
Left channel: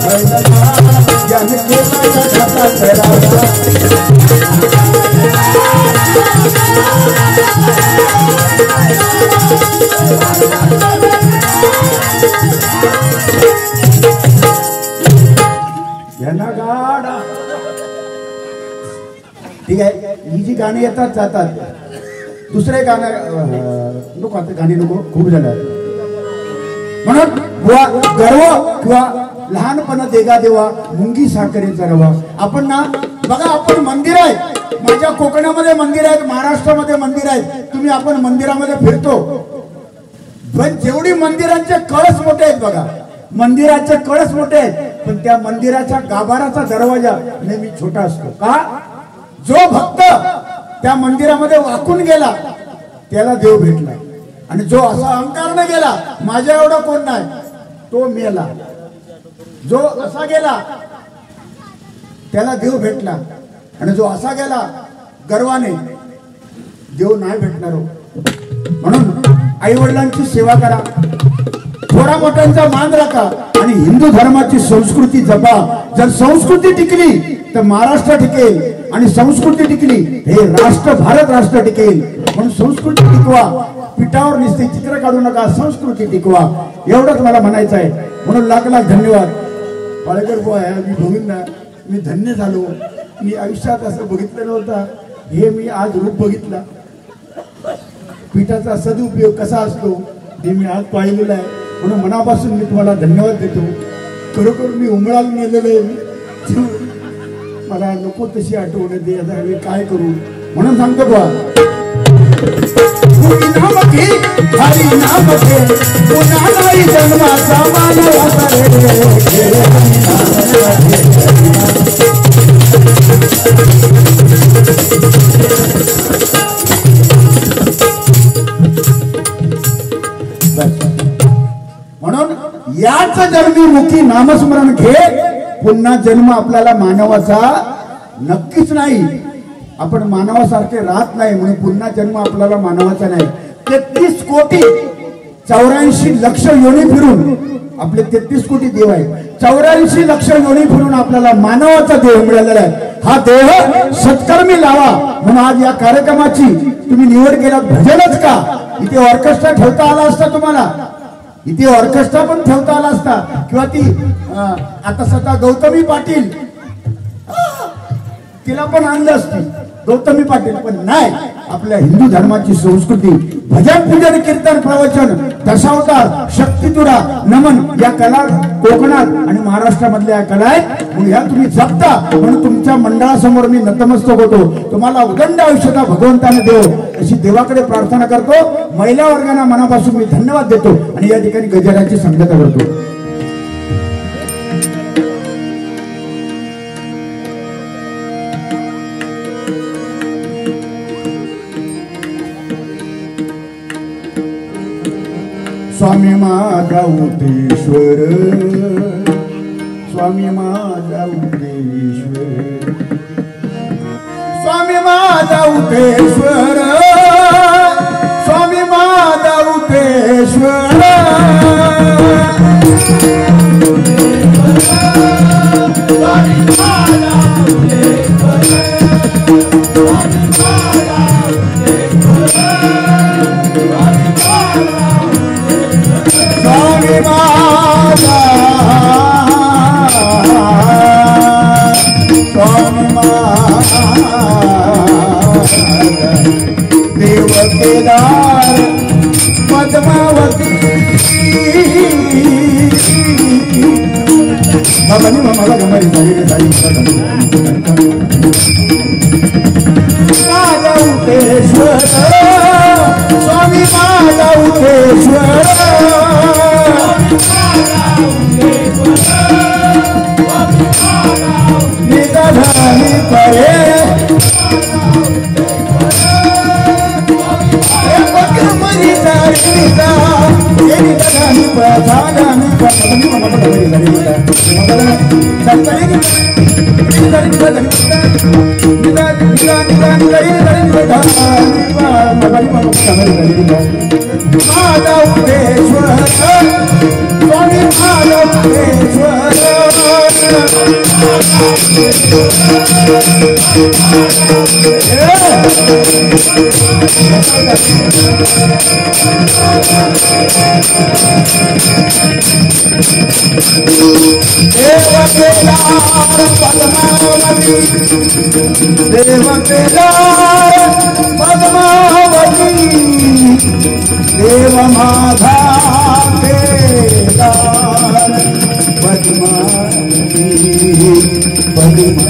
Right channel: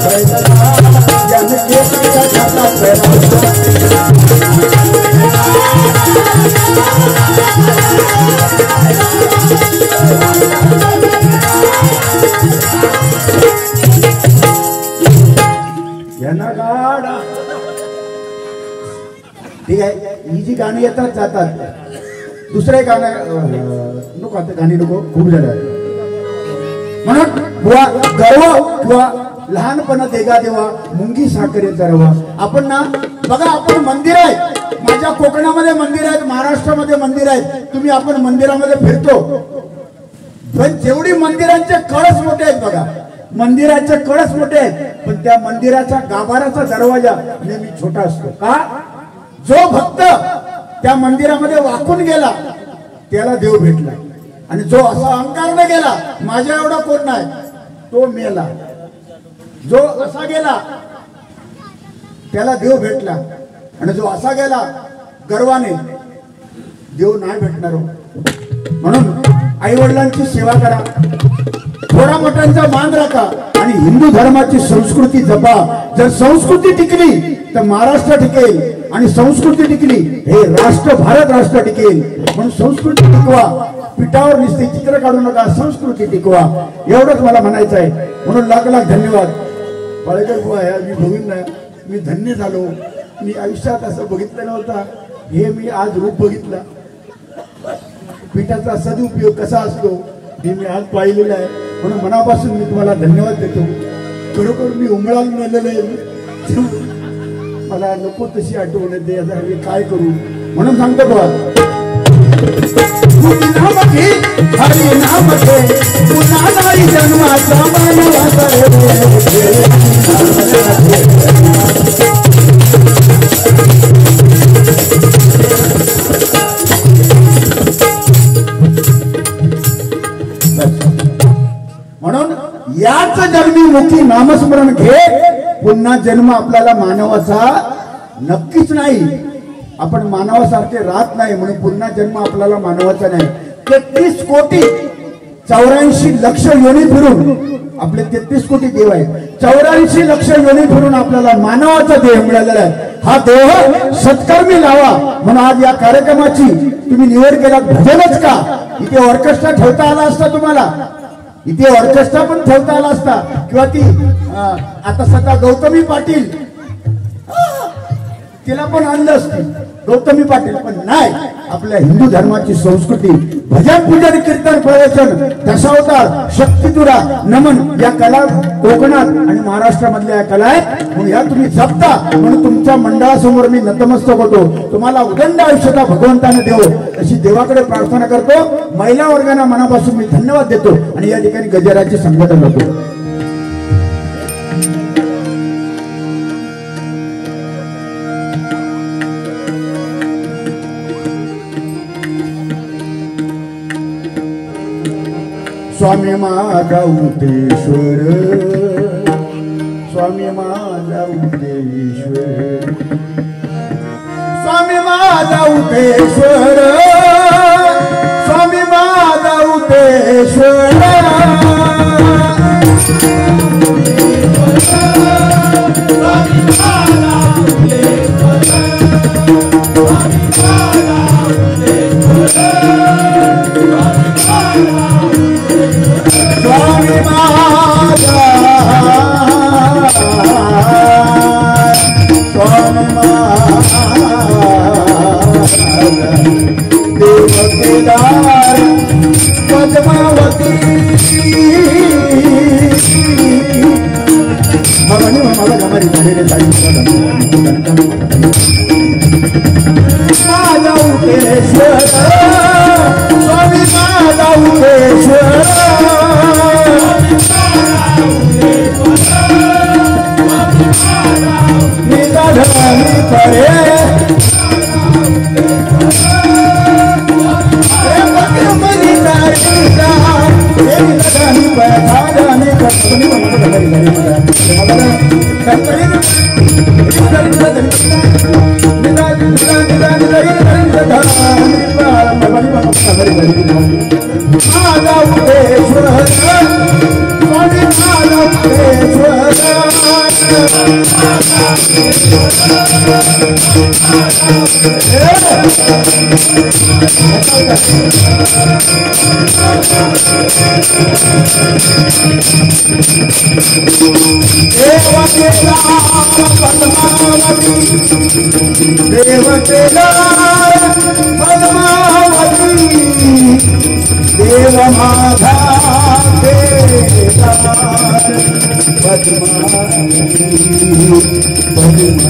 बैलगाडा ज्याने केला घाटात. गाडा ठीक आहे. ही जी गाणी येतात जातात. दुसरे गाणं नको. आता गाणी नको, खूप झालं. म्हणून गर्व किंवा लहानपणा देगा देवा मुंगी साखरेचा रवा. आपण ना बघा, आपण मंदिर आहे. माझ्या कोकणामध्ये मंदिर आहेत, महाराष्ट्रामध्ये मंदिर आहेत. तुम्ही आपण मंदिरामध्ये फिरतो पण जेवढी मंदिरांचे कळस मोठे आहेत बघा, मंदिराचे कळस मोठे आहेत, पण त्या मंदिराचा गाभाराचा दरवाजा नेहमी छोटा असतो. का? जो भक्त त्या मंदिरामध्ये वाकून गेला त्याला देव भेटला, आणि जो असा अहंकारने गेला माझ्या एवढा कोण नाही तो मेला. जो असा गेला त्याला देव भेटला, आणि जो असा गेला गर्वाने देव नाही भेटणार. म्हणून आई वडिलांची सेवा करा, थोडा मोठ्यांचा मान राखा, आणि हिंदू धर्माची संस्कृती जपा. जर संस्कृती टिकली तर महाराष्ट्र टिकेल, आणि संस्कृती टिकली हे राष्ट्र भारत राष्ट्र टिकेल. म्हणून संस्कृती टिकवा, पिठावर नुसते चित्र काढू नका, संस्कृती टिकवा. एवढंच मला म्हणायचं आहे. म्हणून लाख लाख धन्यवाद. पालकर मी बघून ना मी धन्य झालो. मी आयुष्यात असं बघितलं नव्हतं, हे मी आज रूप बघितला. पिठाचा सदुपयोग कसा असतो हे मी आज पाहिलेलं आहे. म्हणून मनापासून मी तुम्हाला धन्यवाद देतो. खरोखर मी उमळाला नेलेलं आहे, मला नको तशी आठवण येते. आता मी काय करू म्हणून सांगतो बा, हरी नाम घे पुन्हा नाही जन्माचा मानवाचा म्हणून याच जन्मीमुखी नामस्मरण घे. पुन्हा जन्म आपल्याला मानवाचा नक्कीच नाही. आपण मानवासारखे राहत नाही, म्हणून पुन्हा जन्म आपल्याला मानवाचा नाही. 33 कोटी 84 लक्ष योनी फिरून आपले 33 कोटी देव आहे. 84 लक्ष योनी फिरून आपल्याला मानवाचा देह मिळालेला आहे. हा देह सत्कर्मी लावा. म्हणून आज या कार्यक्रमाची तुम्ही निवड केलात. भजनच का, इथे ऑर्केस्ट्रा ठेवता आला असता तुम्हाला, इथे ऑर्केस्ट्रा पण ठेवता आला असता, किंवा ती आता सध्या गौतमी पाटील तिला पण आणलं असतं, गौतमी पाटील. पण नाही, आपल्या हिंदू धर्माची संस्कृती भजन पूजन कीर्तन प्रवचन दशावतार शक्तितुरा नमन या कला कोकणात आणि महाराष्ट्रामधल्या या कला आहेत. म्हणून या तुम्ही जपता. म्हणून तुमच्या मंडळासमोर मी नतमस्तक होतो. तुम्हाला उदंड आयुष्याचा भगवंताने देव अशी देवाकडे प्रार्थना करतो. महिला वर्गांना मनापासून मी धन्यवाद देतो, आणि या ठिकाणी गजराची संगत होतो. स्वामी माझा उतेश्वर, स्वामी माझा उतेश्वर, स्वामी माझा उतेश्वर, स्वामी माझा उतेश्वर. पद्मावती माझा उतेश्वर, स्वामी माझा उतेश्वर, निधानी करे देव माझा पद्मा